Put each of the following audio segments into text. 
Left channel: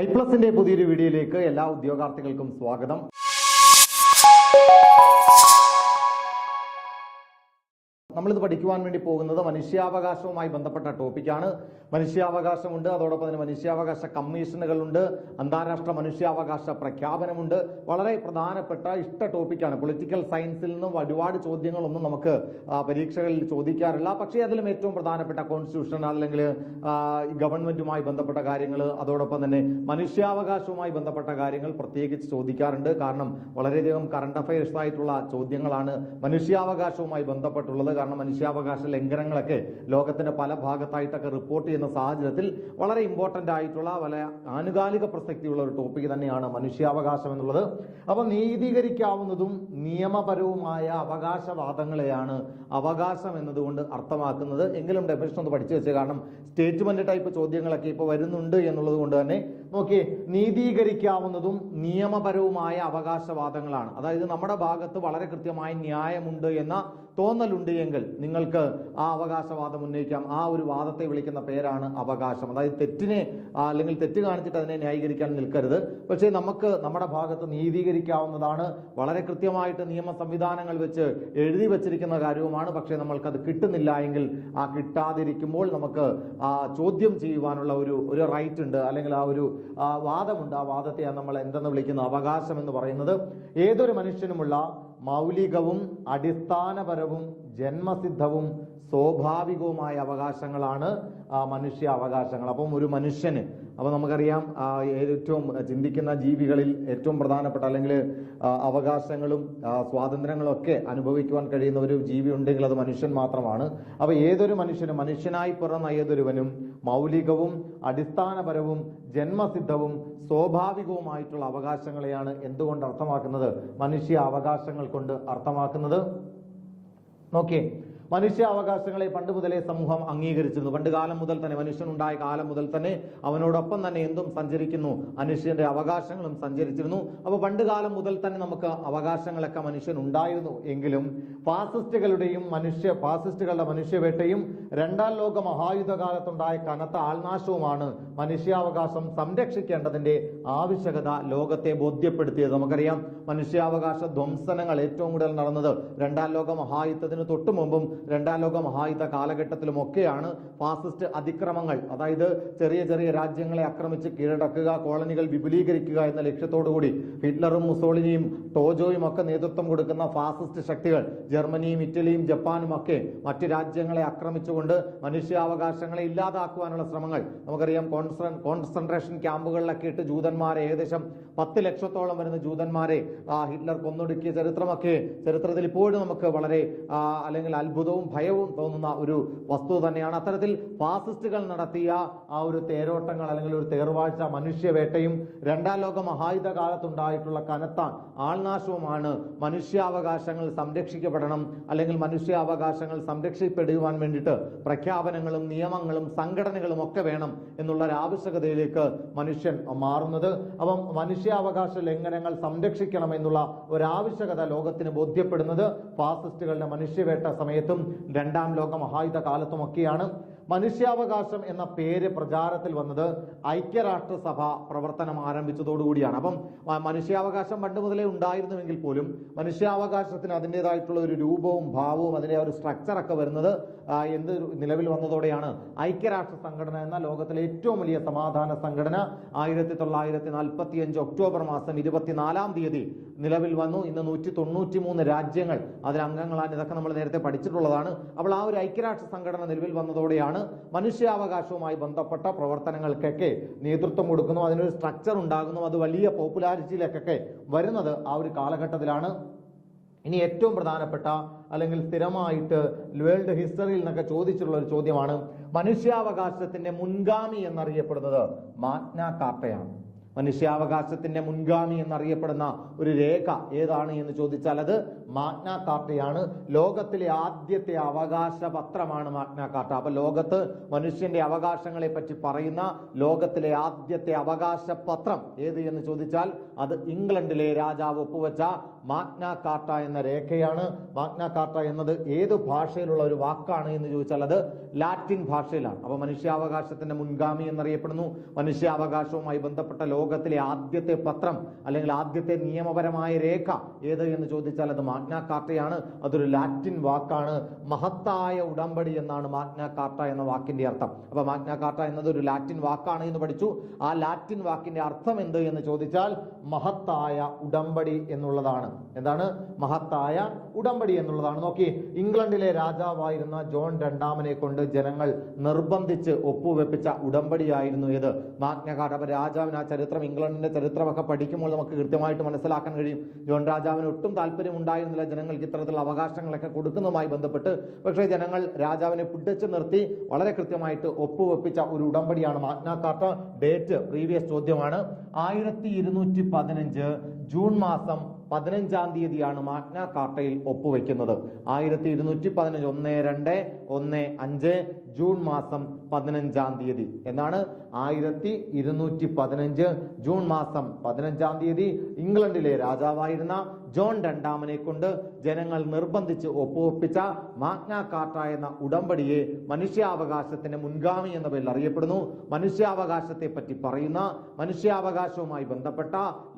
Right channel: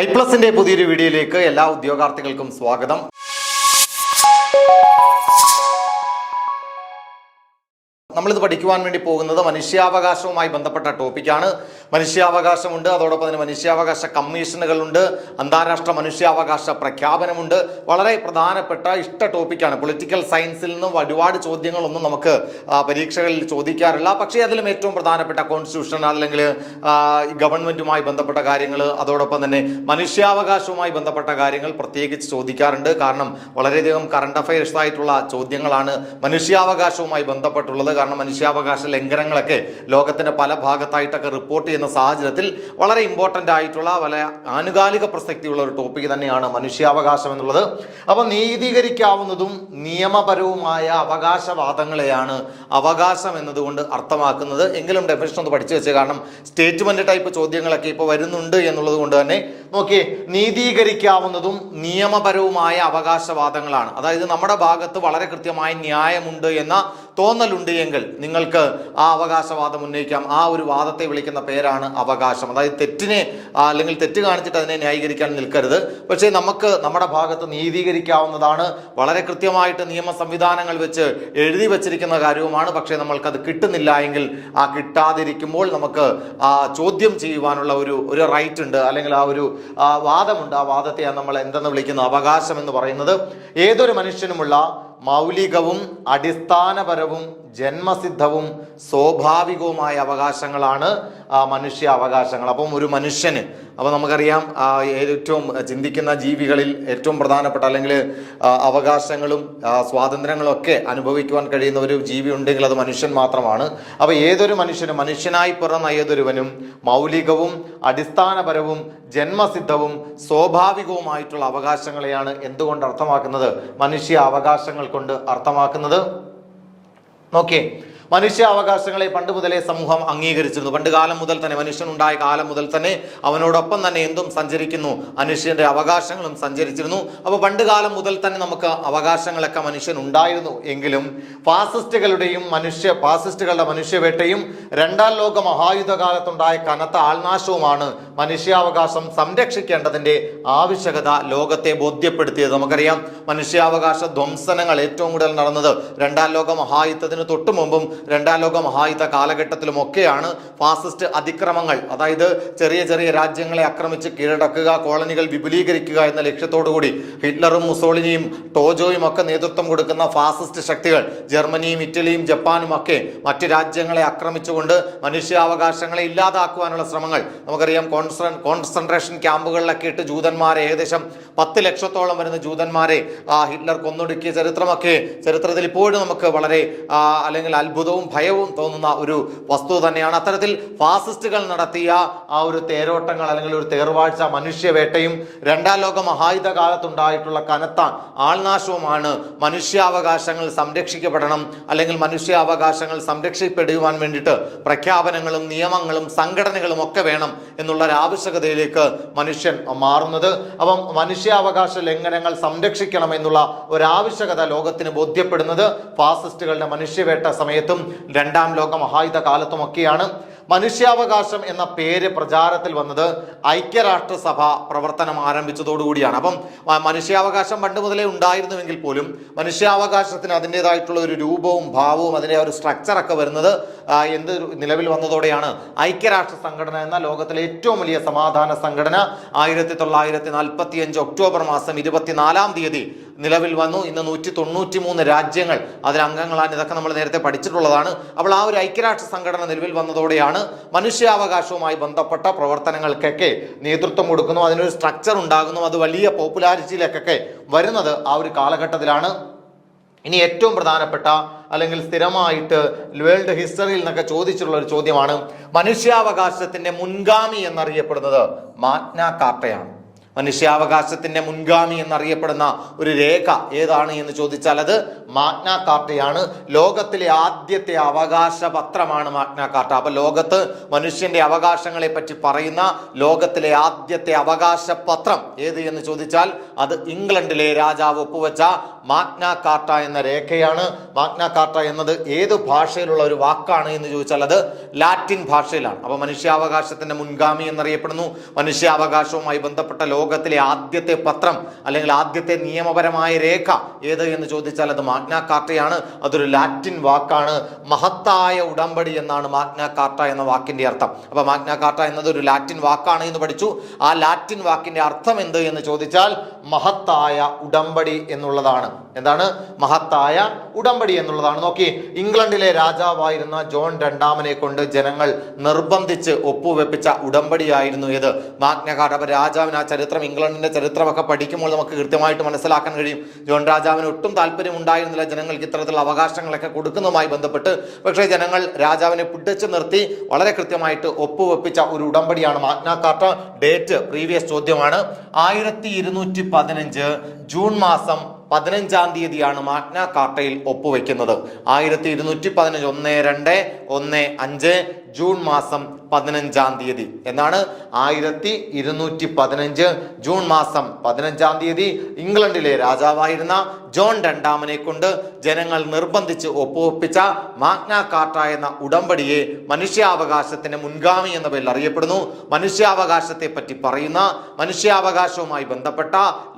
ഐപ്ലസിന്റെ പുതിയൊരു വീഡിയോയിലേക്ക് എല്ലാ ഉദ്യോഗാർത്ഥികൾക്കും സ്വാഗതം. നമ്മളിത് പഠിക്കുവാൻ വേണ്ടി പോകുന്നത് മനുഷ്യാവകാശവുമായി ബന്ധപ്പെട്ട ടോപ്പിക്കാണ്. മനുഷ്യാവകാശമുണ്ട്, അതോടൊപ്പം തന്നെ മനുഷ്യാവകാശ കമ്മീഷനുകളുണ്ട്, അന്താരാഷ്ട്ര മനുഷ്യാവകാശ പ്രഖ്യാപനമുണ്ട്. വളരെ പ്രധാനപ്പെട്ട ഇഷ്ട ടോപ്പിക്കാണ്. പൊളിറ്റിക്കൽ സയൻസിൽ നിന്നും ഒരുപാട് ചോദ്യങ്ങളൊന്നും നമുക്ക് പരീക്ഷകളിൽ ചോദിക്കാറില്ല. പക്ഷേ അതിലും ഏറ്റവും പ്രധാനപ്പെട്ട കോൺസ്റ്റിറ്റ്യൂഷൻ അല്ലെങ്കിൽ ഗവൺമെന്റുമായി ബന്ധപ്പെട്ട കാര്യങ്ങൾ, അതോടൊപ്പം തന്നെ മനുഷ്യാവകാശവുമായി ബന്ധപ്പെട്ട കാര്യങ്ങൾ പ്രത്യേകിച്ച് ചോദിക്കാറുണ്ട്. കാരണം വളരെയധികം കറണ്ട് അഫയേഴ്സ് ആയിട്ടുള്ള ചോദ്യങ്ങളാണ് മനുഷ്യാവകാശവുമായി ബന്ധപ്പെട്ടുള്ളത്. കാരണം മനുഷ്യാവകാശ ലംഘനങ്ങളൊക്കെ ലോകത്തിന്റെ പല ഭാഗത്തായിട്ടൊക്കെ റിപ്പോർട്ട് ചെയ്യുന്ന സാഹചര്യത്തിൽ വളരെ ഇമ്പോർട്ടൻ്റ് ആയിട്ടുള്ള വളരെ ആനുകാലിക പ്രസക്തിയുള്ള ഒരു ടോപ്പിക് തന്നെയാണ് മനുഷ്യാവകാശം എന്നുള്ളത്. അപ്പോൾ നീതീകരിക്കാവുന്നതും നിയമപരവുമായ അവകാശവാദങ്ങളെയാണ് അവകാശം എന്നതുകൊണ്ട് അർത്ഥമാക്കുന്നത്. എങ്കിലും ഡെഫിനിഷൻ ഒന്ന് പഠിച്ചു വെച്ചത്, കാരണം സ്റ്റേറ്റ്മെന്റ് ടൈപ്പ് ചോദ്യങ്ങളൊക്കെ ഇപ്പോൾ വരുന്നുണ്ട് എന്നുള്ളത് കൊണ്ട് തന്നെ നോക്കിയേ, നീതീകരിക്കാവുന്നതും നിയമപരവുമായ അവകാശവാദങ്ങളാണ്. അതായത് നമ്മുടെ ഭാഗത്ത് വളരെ കൃത്യമായ ന്യായമുണ്ട് എന്ന തോന്നലുണ്ട് എങ്കിൽ നിങ്ങൾക്ക് ആ അവകാശവാദം ഉന്നയിക്കാം. ആ ഒരു വാദത്തെ വിളിക്കുന്ന പേരാണ് അവകാശം. അതായത് തെറ്റിനെ അല്ലെങ്കിൽ തെറ്റ് കാണിച്ചിട്ട് അതിനെ ന്യായീകരിക്കാൻ നിൽക്കരുത്. പക്ഷേ നമുക്ക് നമ്മുടെ ഭാഗത്ത് നീതീകരിക്കാവുന്നതാണ്. വളരെ കൃത്യമായിട്ട് നിയമ സംവിധാനങ്ങൾ വെച്ച് എഴുതി വച്ചിരിക്കുന്ന കാര്യവുമാണ്. പക്ഷേ നമ്മൾക്കത് കിട്ടുന്നില്ല എങ്കിൽ ആ കിട്ടാതിരിക്കുമ്പോൾ നമുക്ക് ചോദ്യം ചെയ്യുവാനുള്ള ഒരു റൈറ്റ് ഉണ്ട്, അല്ലെങ്കിൽ ആ ഒരു വാദമുണ്ട്. ആ വാദത്തെയാണ് നമ്മൾ എന്തെന്ന് വിളിക്കുന്നത്? അവകാശം എന്ന് പറയുന്നത്. ഏതൊരു മനുഷ്യനുമുള്ള മൗലികവും അടിസ്ഥാനപരവും ജന്മസിദ്ധവും സ്വാഭാവികവുമായ അവകാശങ്ങളാണ് മനുഷ്യ അവകാശങ്ങൾ. അപ്പം ഒരു മനുഷ്യന്, അപ്പോൾ നമുക്കറിയാം ഏറ്റവും ചിന്തിക്കുന്ന ജീവികളിൽ ഏറ്റവും പ്രധാനപ്പെട്ട അല്ലെങ്കിൽ അവകാശങ്ങളും സ്വാതന്ത്ര്യങ്ങളും ഒക്കെ അനുഭവിക്കുവാൻ കഴിയുന്ന ഒരു ജീവി ഉണ്ടെങ്കിൽ അത് മനുഷ്യൻ മാത്രമാണ്. അപ്പോൾ ഏതൊരു മനുഷ്യനും, മനുഷ്യനായി പിറന്ന ഏതൊരുവനും മൗലികവും അടിസ്ഥാനപരവും ജന്മസിദ്ധവും സ്വാഭാവികവുമായിട്ടുള്ള അവകാശങ്ങളെയാണ് എന്തുകൊണ്ട് അർത്ഥമാക്കുന്നത്? മനുഷ്യ അവകാശങ്ങൾ കൊണ്ട് അർത്ഥമാക്കുന്നത്. നോക്കിയേ, മനുഷ്യാവകാശങ്ങളെ പണ്ട് മുതലേ സമൂഹം അംഗീകരിച്ചിരുന്നു. പണ്ട് കാലം മുതൽ തന്നെ, മനുഷ്യനുണ്ടായ കാലം മുതൽ തന്നെ അവനോടൊപ്പം തന്നെ എന്തും സഞ്ചരിക്കുന്നു, മനുഷ്യന്റെ അവകാശങ്ങളും സഞ്ചരിച്ചിരുന്നു. അപ്പോൾ പണ്ട് കാലം മുതൽ തന്നെ നമുക്ക് അവകാശങ്ങളൊക്കെ മനുഷ്യൻ ഉണ്ടായിരുന്നു. എങ്കിലും ഫാസിസ്റ്റുകളുടെ മനുഷ്യവേട്ടയും രണ്ടാം ലോക മഹായുദ്ധ കാലത്തുണ്ടായ കനത്ത ആൾനാശവുമാണ് മനുഷ്യാവകാശം സംരക്ഷിക്കേണ്ടതിന്റെ ആവശ്യകത ലോകത്തെ ബോധ്യപ്പെടുത്തിയത്. നമുക്കറിയാം മനുഷ്യാവകാശ ധ്വംസനങ്ങൾ ഏറ്റവും കൂടുതൽ നടന്നത് രണ്ടാം ലോക മഹായുദ്ധത്തിന് തൊട്ടു മുമ്പും രണ്ടാം ലോക മഹായുദ്ധ കാലഘട്ടത്തിലുമൊക്കെയാണ്. ഫാസിസ്റ്റ് അതിക്രമങ്ങൾ, അതായത് ചെറിയ ചെറിയ രാജ്യങ്ങളെ ആക്രമിച്ച് കീഴടക്കുക, കോളനികൾ വിപുലീകരിക്കുക എന്ന ലക്ഷ്യത്തോടുകൂടി ഹിറ്റ്ലറും മുസോളിനിയും ടോജോയും ഒക്കെ നേതൃത്വം കൊടുക്കുന്ന ഫാസിസ്റ്റ് ശക്തികൾ ജർമ്മനിയും ഇറ്റലിയും ജപ്പാനും ഒക്കെ മറ്റ് രാജ്യങ്ങളെ ആക്രമിച്ചുകൊണ്ട് മനുഷ്യാവകാശങ്ങളെ ഇല്ലാതാക്കുവാനുള്ള ശ്രമങ്ങൾ നമുക്കറിയാം. കോൺസെൻട്രേഷൻ ക്യാമ്പുകളിലൊക്കെ ഇട്ട് ജൂതന്മാരെ, ഏകദേശം 10 ലക്ഷത്തോളം വരുന്ന ജൂതന്മാരെ ഹിറ്റ്ലർ കൊന്നൊടുക്കിയ ചരിത്രത്തിൽ ഇപ്പോഴും നമുക്ക് വളരെ അല്ലെങ്കിൽ അത്ഭുതവും ഭയവും തോന്നുന്ന ഒരു വസ്തുത തന്നെയാണ്. അത്തരത്തിൽ ഫാസിസ്റ്റുകൾ നടത്തിയ ആ ഒരു തേരോട്ടങ്ങൾ അല്ലെങ്കിൽ ഒരു തേർവാഴ്ച, മനുഷ്യവേട്ടയും രണ്ടാം ലോക മഹായുദ്ധ കാലത്തുണ്ടായിട്ടുള്ള കനത്ത ആൾനാശവുമാണ് മനുഷ്യാവകാശങ്ങൾ സംരക്ഷിക്കപ്പെടണം, അല്ലെങ്കിൽ മനുഷ്യാവകാശങ്ങൾ സംരക്ഷിക്കപ്പെടുവാൻ വേണ്ടിയിട്ട് പ്രഖ്യാപനങ്ങളും നിയമങ്ങളും സംഘടനകളും ഒക്കെ വേണം എന്നുള്ള ഒരു ആവശ്യകതയിലേക്ക് മനുഷ്യൻ മാറുന്നത്. അപ്പം മനുഷ്യാവകാശ ലംഘനങ്ങൾ സംരക്ഷിക്കണം എന്നുള്ള ഒരാവശ്യകത ലോകത്തിന് ബോധ്യപ്പെടുന്നത് ഫാസിസ്റ്റുകളുടെ മനുഷ്യവേട്ട സമയത്തും രണ്ടാം ലോക മഹായുദ്ധ കാലത്തുമൊക്കെയാണ്. മനുഷ്യാവകാശം എന്ന പേര് പ്രചാരത്തിൽ വന്നത് ഐക്യരാഷ്ട്രസഭ പ്രവർത്തനം ആരംഭിച്ചതോടുകൂടിയാണ്. അപ്പം മനുഷ്യാവകാശം പണ്ട് മുതലേ ഉണ്ടായിരുന്നുവെങ്കിൽ പോലും മനുഷ്യാവകാശത്തിന് അതിൻ്റെതായിട്ടുള്ള ഒരു രൂപവും ഭാവവും അതിൻ്റെ ഒരു സ്ട്രക്ചറൊക്കെ വരുന്നത് നിലവിൽ വന്നതോടെയാണ്. ഐക്യരാഷ്ട്ര സംഘടന എന്ന ലോകത്തിലെ ഏറ്റവും വലിയ സമാധാന സംഘടന 1945 ഒക്ടോബർ മാസം 24-ാം തീയതി നിലവിൽ വന്നു. ഇന്ന് 193 രാജ്യങ്ങൾ അതിലംഗങ്ങളാണ്. ഇതൊക്കെ നമ്മൾ നേരത്തെ പഠിച്ചിട്ടുള്ളതാണ്. അപ്പോൾ ആ ഒരു ഐക്യരാഷ്ട്ര സംഘടന നിലവിൽ വന്നതോടെയാണ് മനുഷ്യാവകാശവുമായി ബന്ധപ്പെട്ട പ്രവർത്തനങ്ങൾക്കൊക്കെ നേതൃത്വം കൊടുക്കുന്നു, അതിനൊരു സ്ട്രക്ചർ ഉണ്ടാകുന്നു, അത് വലിയ പോപ്പുലാരിറ്റിയിലേക്കൊക്കെ വരുന്നത് ആ ഒരു കാലഘട്ടത്തിലാണ്. ഇനി ഏറ്റവും പ്രധാനപ്പെട്ട അല്ലെങ്കിൽ സ്ഥിരമായിട്ട് വേൾഡ് ഹിസ്റ്ററിയിൽ നിന്നൊക്കെ ചോദിച്ചിട്ടുള്ള ഒരു ചോദ്യമാണ്, മനുഷ്യാവകാശത്തിന്റെ മുൻഗാമി എന്നറിയപ്പെടുന്നത് മാഗ്ന കാർട്ടയാണ്. മനുഷ്യാവകാശത്തിന്റെ മുൻഗാമി എന്നറിയപ്പെടുന്ന ഒരു രേഖ ഏതാണ് എന്ന് ചോദിച്ചാൽ അത് മാഗ്ന കാർട്ടയാണ്. ലോകത്തിലെ ആദ്യത്തെ അവകാശ പത്രമാണ് മാഗ്ന കാർട്ട. അപ്പൊ ലോകത്ത് മനുഷ്യന്റെ അവകാശങ്ങളെ പറ്റി പറയുന്ന ലോകത്തിലെ ആദ്യത്തെ അവകാശ പത്രം ഏത് എന്ന് ചോദിച്ചാൽ അത് ഇംഗ്ലണ്ടിലെ രാജാവ് ഒപ്പുവെച്ച മാഗ്ന കാർട്ട എന്ന രേഖയാണ്. മാഗ്ന കാർട്ട എന്നത് ഏത് ഭാഷയിലുള്ള ഒരു വാക്കാണ് എന്ന് ചോദിച്ചാൽ അത് ലാറ്റിൻ ഭാഷയിലാണ്. അപ്പൊ മനുഷ്യാവകാശത്തിന്റെ മുൻഗാമി എന്നറിയപ്പെടുന്നു. മനുഷ്യാവകാശവുമായി ബന്ധപ്പെട്ട ലോകത്തിലെ ആദ്യത്തെ പത്രം അല്ലെങ്കിൽ ആദ്യത്തെ നിയമപരമായ രേഖ ഏത് എന്ന് ചോദിച്ചാൽ അത് മാഗ്ന കാർട്ടയാണ്. അതൊരു ലാറ്റിൻ വാക്കാണ്. മഹത്തായ ഉടമ്പടി എന്നാണ് മാഗ്ന കാർട്ട എന്ന വാക്കിന്റെ അർത്ഥം. അപ്പൊ മാഗ്ന കാർട്ട എന്നത് ഒരു ലാറ്റിൻ വാക്കാണ് എന്ന് പഠിച്ചു. ആ ലാറ്റിൻ വാക്കിന്റെ അർത്ഥം എന്ത് എന്ന് ചോദിച്ചാൽ മഹത്തായ ഉടമ്പടി എന്നുള്ളതാണ്. എന്താണ് മഹത്തായ ഉടമ്പടി എന്നുള്ളതാണ്. നോക്കി, ഇംഗ്ലണ്ടിലെ രാജാവായിരുന്ന ജോൺ രണ്ടാമനെ കൊണ്ട് ജനങ്ങൾ നിർബന്ധിച്ച് ഒപ്പുവെപ്പിച്ച ഉടമ്പടിയായിരുന്നു ഇത് മാഗ്ന കാർട്ട. അപ്പൊ രാജാവിന് ആ ചരിത്രം, ഇംഗ്ലണ്ടിന്റെ ചരിത്രമൊക്കെ പഠിക്കുമ്പോൾ നമുക്ക് കൃത്യമായിട്ട് മനസ്സിലാക്കാൻ കഴിയും. ജോൺ രാജാവിന് ഒട്ടും താല്പര്യം ഉണ്ടായിരുന്നില്ല ജനങ്ങൾക്ക് ഇത്തരത്തിലുള്ള അവകാശങ്ങളൊക്കെ കൊടുക്കുന്നതുമായി ബന്ധപ്പെട്ട്. പക്ഷേ ജനങ്ങൾ രാജാവിനെ പിടിച്ചു നിർത്തി വളരെ കൃത്യമായിട്ട് ഒപ്പുവെപ്പിച്ച ഒരു ഉടമ്പടിയാണ് മാഗ്ന കാർട്ട. ഡേറ്റ് പ്രീവിയസ് ചോദ്യമാണ്. 1215 ജൂൺ മാസം 15-ാം തീയതിയാണ് മാഗ്ന കാർട്ടയിൽ ഒപ്പുവെക്കുന്നത്. 1215 1-2-1-5 ജൂൺ മാസം 15-ാം തീയതി എന്നാണ്. 1215 ജൂൺ മാസം 15-ാം തീയതി ഇംഗ്ലണ്ടിലെ രാജാവായിരുന്ന ജോൺ രണ്ടാമനെ കൊണ്ട് ജനങ്ങൾ നിർബന്ധിച്ച് ഒപ്പുവെപ്പിച്ച മാഗ്ന കാർട്ട എന്ന ഉടമ്പടിയെ മനുഷ്യാവകാശത്തിന്റെ മുൻഗാമി എന്ന പേരിൽ അറിയപ്പെടുന്നു. മനുഷ്യാവകാശത്തെ പറ്റി പറയുന്ന, മനുഷ്യാവകാശവുമായി ബന്ധപ്പെട്ട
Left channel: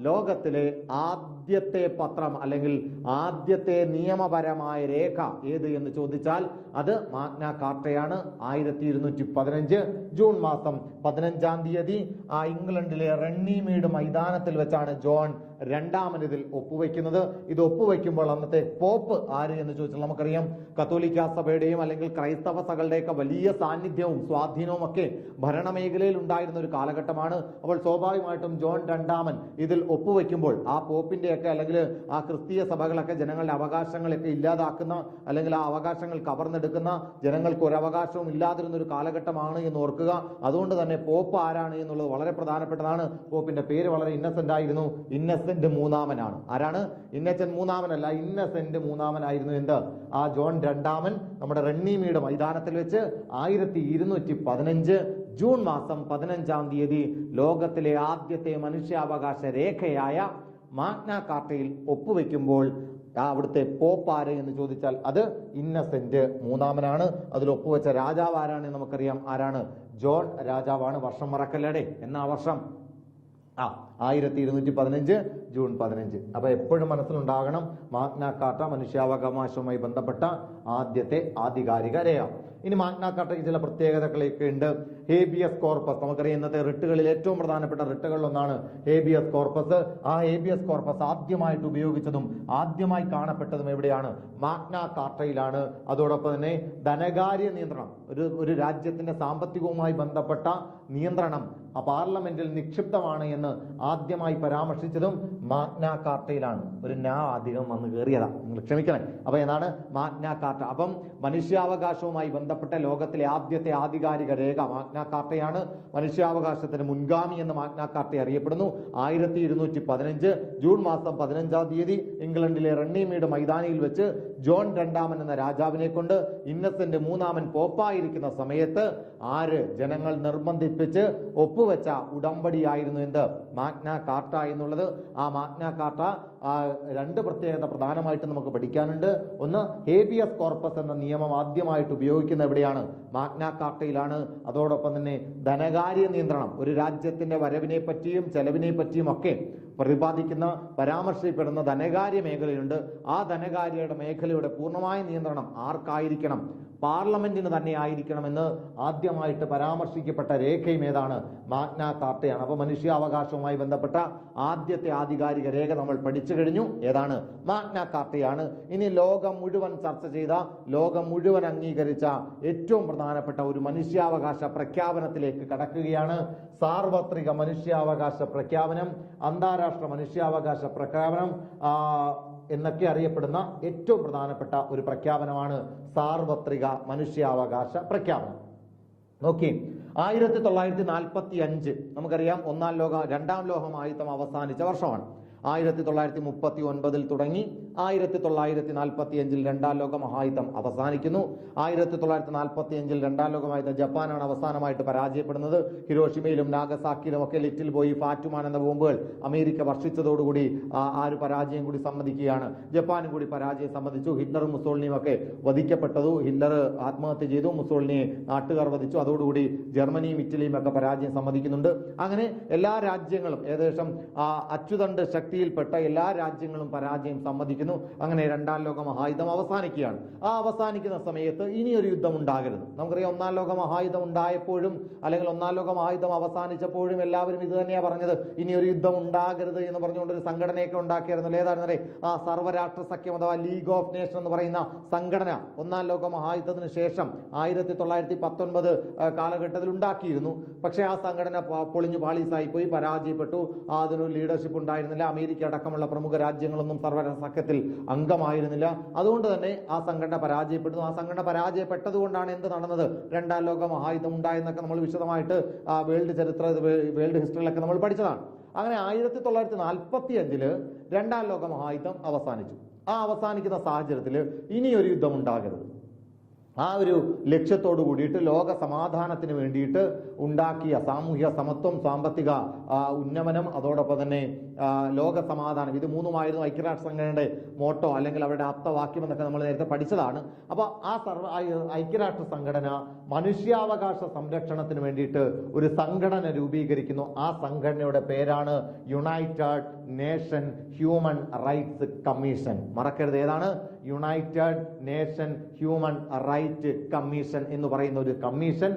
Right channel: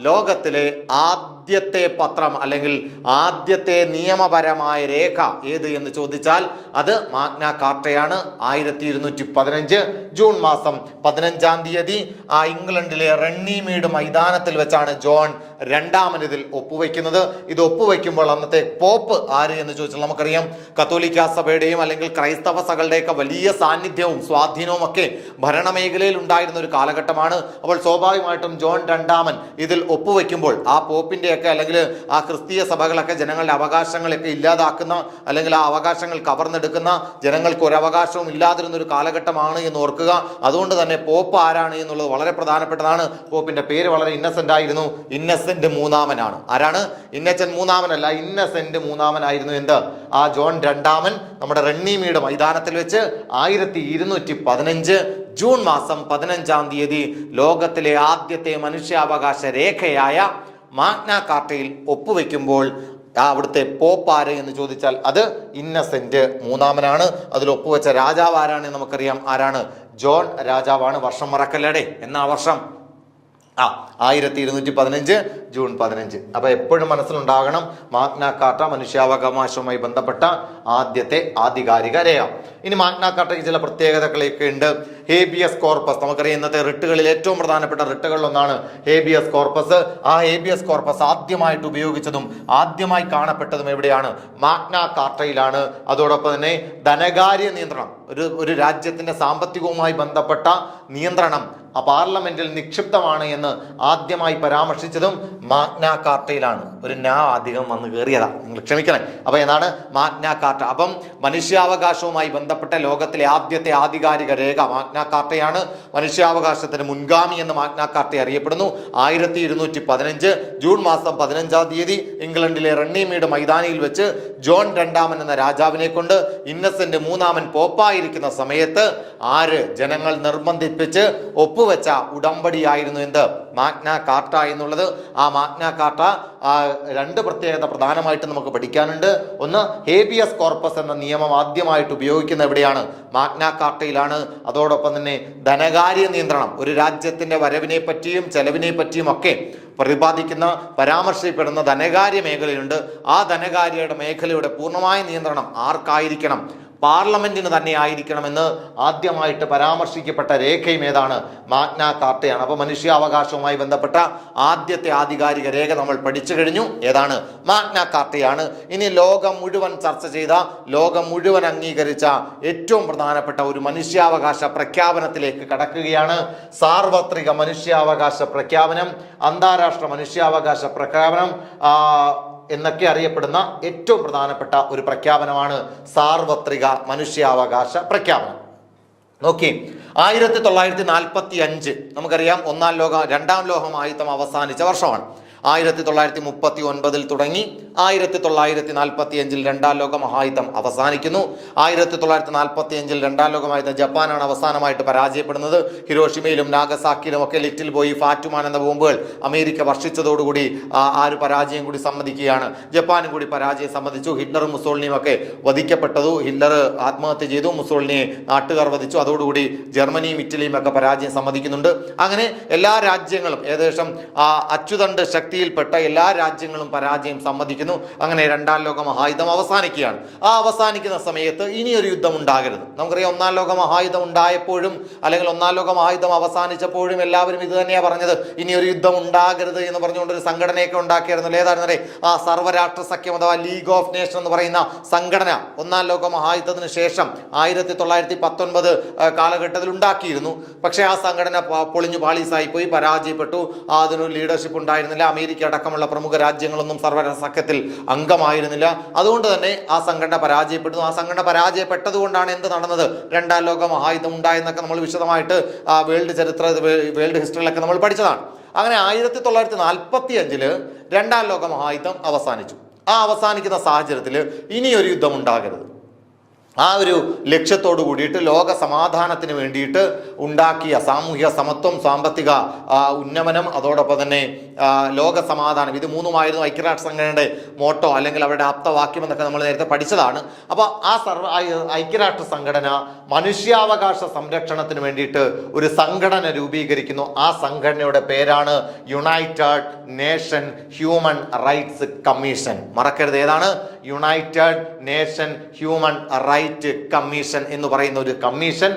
ലോകത്തിലെ ആദ്യത്തെ പത്രം അല്ലെങ്കിൽ ആദ്യത്തെ നിയമപരമായ രേഖ ഏത് എന്ന് ചോദിച്ചാൽ അത് മാഗ്ന കാർട്ടയാണ്. 1215 ജൂൺ മാസം 15-ാം തീയതി ആ ഇംഗ്ലണ്ടിലെ റണ്ണിമീഡ് മൈതാനത്തിൽ വെച്ചാണ് ജോൺ രണ്ടാമൻ ഇതിൽ ഒപ്പുവെക്കുന്നത്. ഇത് ഒപ്പുവെക്കുമ്പോൾ അന്നത്തെ പോപ്പ് ആര് എന്ന് ചോദിച്ചാൽ നമുക്കറിയാം കത്തോലിക്ക സഭയുടെയും അല്ലെങ്കിൽ ക്രൈസ്തവ സഭകളുടെയൊക്കെ വലിയ സാന്നിധ്യവും സ്വാധീനവും ഒക്കെ ഭരണമേഖലയിൽ ഉണ്ടായിരുന്ന ഒരു കാലഘട്ടമാണ്. അപ്പോൾ സ്വാഭാവികമായിട്ടും ജോൺ രണ്ടാമൻ ഇതിൽ ഒപ്പുവെക്കുമ്പോൾ ആ പോപ്പിന്റെയൊക്കെ അല്ലെങ്കിൽ ആ ക്രിസ്തീയ സഭകളൊക്കെ ജനങ്ങളുടെ അവകാശങ്ങളൊക്കെ ഇല്ലാതാക്കുന്ന അല്ലെങ്കിൽ ആ അവകാശങ്ങൾ കവർന്നെടുക്കുന്ന, ജനങ്ങൾക്ക് ഒരു അവകാശവും ഇല്ലാതിരുന്ന ഒരു കാലഘട്ടമാണ് എന്ന് ഓർക്കുക. അതുകൊണ്ട് തന്നെ പോപ്പ് ആരാണ് എന്നുള്ളത് വളരെ പ്രധാനപ്പെട്ടതാണ്. പോപ്പിന്റെ പേര് വളരെ ഇന്നസെന്റ് ആയിരുന്നു. ഇന്നസെന്റ് മൂന്നാമനാണ്. ആരാണ്? ഇന്നസെന്റ് മൂന്നാമനല്ല, ഇന്നസെന്റ് മൂന്നാമനായിരുന്നു എന്ത് ആ ജോൺ രണ്ടാമൻ നമ്മുടെ റണ്ണിമീഡ് മൈതാനത്തിൽ വെച്ച് 1215 ജൂൺ മാസം 15-ാം തീയതി ലോകത്തിലെ ആദ്യത്തെ മനുഷ്യാവകാശ രേഖയായ മാഗ്ന കാർട്ടയിൽ ഒപ്പുവെക്കുമ്പോൾ അവിടുത്തെ പോപ്പ് ആര് എന്ന് ചോദിച്ചാൽ അത് ഇന്നസെന്റ് മൂന്നാമനാണ്. അതിൽ ഒപ്പുവെച്ച രാജാവ് ആരാണ് നമുക്കറിയാം. ആരാണ്? ജോൺ രാജാവാണ്. വർഷം മറക്കല്ലേടെ. എന്നാ വർഷം? 1215 ജൂൺ 15. അപ്പൊ എപ്പോഴും മനസ്സിലുണ്ടാകണം മാഗ്ന കാർട്ട മനുഷ്യാവകാശവുമായി ബന്ധപ്പെട്ട ആദ്യത്തെ ആധികാരിക രേഖ. ഇനി മാഗ്ന കാർട്ടയ്ക്ക് ചില പ്രത്യേകതകളൊക്കെ ഉണ്ട്. ഹേബിയസ് കോർപ്പസ്, നമുക്കറിയാം ഇന്നത്തെ റിട്ടുകളിൽ ഏറ്റവും പ്രധാനപ്പെട്ട റിട്ടുകളിലൊന്നാണ് ഹേബിയസ് കോർപ്പസ്. ആ ഹേബിയസ് കോർപ്പസ് ആദ്യമായിട്ട് ഉപയോഗിച്ചതും ആദ്യമായി കാണപ്പെട്ടതും എവിടെയാണ്? മാഗ്ന കാർട്ടയിലാണ്. അതോടൊപ്പം തന്നെ ധനകാര്യ നിയന്ത്രണം, ഒരു രാജ്യത്തിന്റെ സാമ്പത്തികവുമായി ബന്ധപ്പെട്ട നിയന്ത്രണം ആ പാർലമെന്റിൽ നിക്ഷിപ്തമാണ് എന്ന് ആദ്യമായി പരാമർശിച്ചതും മാഗ്ന കാർട്ടയിലാണ്. ഒരു അധികം വന്ന് കയറിയതാ, നിങ്ങൾ ക്ഷമിക്കണേ. അപ്പൊ എന്താണ് മാഗ്ന കാർട്ട? അപ്പം മനുഷ്യാവകാശവുമായി ബന്ധപ്പെട്ട ലോകത്തിലെ ആദ്യത്തെ ആധികാരിക രേഖ മാഗ്ന കാർട്ടയാണ്. മനുഷ്യാവകാശത്തിന് മുൻഗാമി എന്ന് മാഗ്ന കാർട്ട അറിയപ്പെടുന്നു. 1215 ജൂൺ മാസം 15-ാം തീയതി ഇംഗ്ലണ്ടിലെ റണ്ണിമീഡ് മൈതാനിയിൽ വെച്ച് ജോൺ രണ്ടാമൻ എന്ന രാജാവിനെ കൊണ്ട് ഇന്നസെന്റ് മൂന്നാമൻ പോപ്പായിരിക്കുന്ന സമയത്ത് ആര് ജനങ്ങൾ നിർബന്ധിപ്പിച്ച് ഒപ്പുവെച്ച ഉടമ്പടിയായിരുന്നു എന്ത്? മാഗ്ന കാർട്ട എന്നുള്ളത്. ആ മാഗ്ന കാർട്ട രണ്ട് പ്രത്യേകത പ്രധാനമായിട്ട് നമുക്ക് പഠിക്കാനുണ്ട്. ഒന്ന്, ഹേബിയസ് കോർപ്പസ് എന്ന നിയമം ആദ്യമായിട്ട് ഉപയോഗിക്കുന്ന എവിടെയാണ്? മാഗ്ന കാർട്ടയിലാണ്. അതോടൊപ്പം തന്നെ ധനകാര്യ നിയന്ത്രണം, ഒരു രാജ്യത്തിന്റെ വരവിനെ പറ്റിയും ചെലവിനെ പറ്റിയും ഒക്കെ പ്രതിപാദിക്കുന്ന പരാമർശിക്കപ്പെടുന്ന ധനകാര്യ മേഖലയുണ്ട്. ആ ധനകാര്യ മേഖലയുടെ പൂർണ്ണമായ നിയന്ത്രണം ആർക്കായിരിക്കണം? പാർലമെന്റിന് തന്നെ ആയിരിക്കണമെന്ന് ആദ്യമായിട്ട് പരാമർശിക്കപ്പെട്ട രേഖയും ഏതാണ്? മാഗ്ന കാർട്ടയാണ്. അപ്പൊ മനുഷ്യാവകാശവുമായി ബന്ധപ്പെട്ട ആദ്യത്തെ ആധികാരിക രേഖ നമ്മൾ പഠിച്ചു കഴിഞ്ഞു. ഏതാണ്? മാഗ്ന കാർട്ടയാണ്. ഇനി ലോകം മുഴുവൻ ചർച്ച ചെയ്ത, ലോകം മുഴുവൻ അംഗീകരിച്ച ഏറ്റവും പ്രധാനപ്പെട്ട ഒരു മനുഷ്യാവകാശ പ്രഖ്യാപനത്തിലേക്ക് കടക്കുകയാണ്. സാർവത്രിക മനുഷ്യാവകാശ പ്രഖ്യാപനം, അന്താരാഷ്ട്ര മനുഷ്യാവകാശ പ്രഖ്യാപനം എന്നൊക്കെ അറിയപ്പെടുന്ന ഏറ്റവും പ്രധാനപ്പെട്ട ഒരു പ്രഖ്യാപനമാണ് സാർവത്രിക മനുഷ്യാവകാശ പ്രഖ്യാപനം. നോക്കി 1945 നമുക്കറിയാം രണ്ടാം ലോകമഹായുദ്ധം അവസാനിച്ച വർഷമാണ്. 1939 തുടങ്ങി 1945 രണ്ടാം ലോക മഹായുദ്ധം അവസാനിക്കുന്നു. 1945 രണ്ടാം ലോക മഹായുദ്ധം ജപ്പാനാണ് അവസാനമായിട്ട് പരാജയപ്പെടുന്നത്. ഹിരോഷിമയിലും നാഗസാക്കിയിലും ഒക്കെ ലിറ്റിൽ ബോയ്, ഫാറ്റുമാൻ എന്ന ബോംബുകൾ അമേരിക്ക വർഷിച്ചതോടുകൂടി ആ ഒരു പരാജയം കൂടി സമ്മതിക്കുകയാണ്. ജപ്പാനും കൂടി പരാജയം സമ്മതിച്ചു. ഹിറ്റ്ലറും മുസോളിനിയും ഒക്കെ വധിക്കപ്പെട്ടതു. ഹിറ്റ്ലർ ആത്മഹത്യ ചെയ്തു, മുസോളിനിയെ നാട്ടുകാർ വധിച്ചു. അതോടുകൂടി ജർമ്മനിയും ഇറ്റലിയും ഒക്കെ പരാജയം സമ്മതിക്കുന്നുണ്ട്. അങ്ങനെ എല്ലാ രാജ്യങ്ങളും ഏകദേശം അച്ചുതണ്ട് ശക്തിയിൽപ്പെട്ട എല്ലാ രാജ്യങ്ങളും പരാജയം സമ്മതിക്കുന്നു. അങ്ങനെ രണ്ടാം ലോക മഹായുദ്ധം അവസാനിക്കുകയാണ്. ആ അവസാനിക്കുന്ന സമയത്ത് ഇനിയൊരു യുദ്ധം ഉണ്ടാകരുത്. നമുക്കറിയാം, ഒന്നാം ലോക മഹായുദ്ധം ഉണ്ടായപ്പോഴും അല്ലെങ്കിൽ ഒന്നാം ലോക മഹായുദ്ധം അവസാനിച്ചപ്പോഴും എല്ലാവരും ഇത് തന്നെയാണ് പറഞ്ഞത്, ഇനിയൊരു യുദ്ധം ഉണ്ടാകരുത് എന്ന് പറഞ്ഞുകൊണ്ടൊരു സംഘടനയൊക്കെ ഉണ്ടാക്കിയായിരുന്നല്ലോ. ഏതായിരുന്നേ? ആ സർവ്വരാഷ്ട്ര സഖ്യം അഥവാ ലീഗ് ഓഫ് നേഷൻ എന്ന് പറയുന്ന സംഘടന ഒന്നാം ലോക മഹായുദ്ധത്തിന് ശേഷം 1919 കാലഘട്ടത്തിൽ ഉണ്ടാക്കിയിരുന്നു. പക്ഷേ ആ സംഘടന പൊളിഞ്ഞു പാളീസായി പോയി, പരാജയപ്പെട്ടു. അതിനൊരു ലീഡർഷിപ്പ് ഉണ്ടായിരുന്നില്ല. അമേരിക്ക അടക്കമുള്ള പ്രമുഖ രാജ്യങ്ങളൊന്നും സർവ്വരാഷ്ട്ര സഖ്യത്തിൽ അംഗമായിരുന്നില്ല. അതുകൊണ്ട് തന്നെ ആ സംഘടന പരാജയപ്പെടുന്നു. ആ സംഘടന പരാജയപ്പെട്ടത് കൊണ്ടാണ് എന്ത് നടന്നത്, രണ്ടാം ലോക മഹായുദ്ധം ഉണ്ടായെന്നൊക്കെ നമ്മൾ വിശദമായിട്ട് വേൾഡ് ഹിസ്റ്ററിയിലൊക്കെ നമ്മൾ പഠിച്ചതാണ്. അങ്ങനെ 1945 രണ്ടാം ലോക മഹായുദ്ധം അവസാനിച്ചു. ആ അവസാനിക്കുന്ന സാഹചര്യത്തിൽ ഇനിയൊരു യുദ്ധം ഉണ്ടാകരുത്. ആ ഒരു ലക്ഷ്യത്തോടു കൂടിയിട്ട് ലോക സമാധാനത്തിന് വേണ്ടിയിട്ട് ഉണ്ടാക്കിയ സാമൂഹിക സമത്വം, സാമ്പത്തിക ഉന്നമനം, അതോടൊപ്പം തന്നെ ലോക സമാധാനം, ഇത് മൂന്നുമായിരുന്നു ഐക്യരാഷ്ട്ര സംഘടനയുടെ മോട്ടോ അല്ലെങ്കിൽ അവരുടെ ആപ്തവാക്യം എന്നൊക്കെ നമ്മൾ നേരത്തെ പഠിച്ചതാണ്. അപ്പോൾ ആ ഐക്യരാഷ്ട്ര സംഘടന മനുഷ്യാവകാശ സംരക്ഷണത്തിന് വേണ്ടിയിട്ട് ഒരു സംഘടന രൂപീകരിക്കുന്നു. ആ സംഘടനയുടെ പേരാണ് united nation human rights commission. മറക്കരുത്, ഏതാണ്? United nation human right commission എന്ന് പറയുന്ന ഒരു കമ്മീഷൻ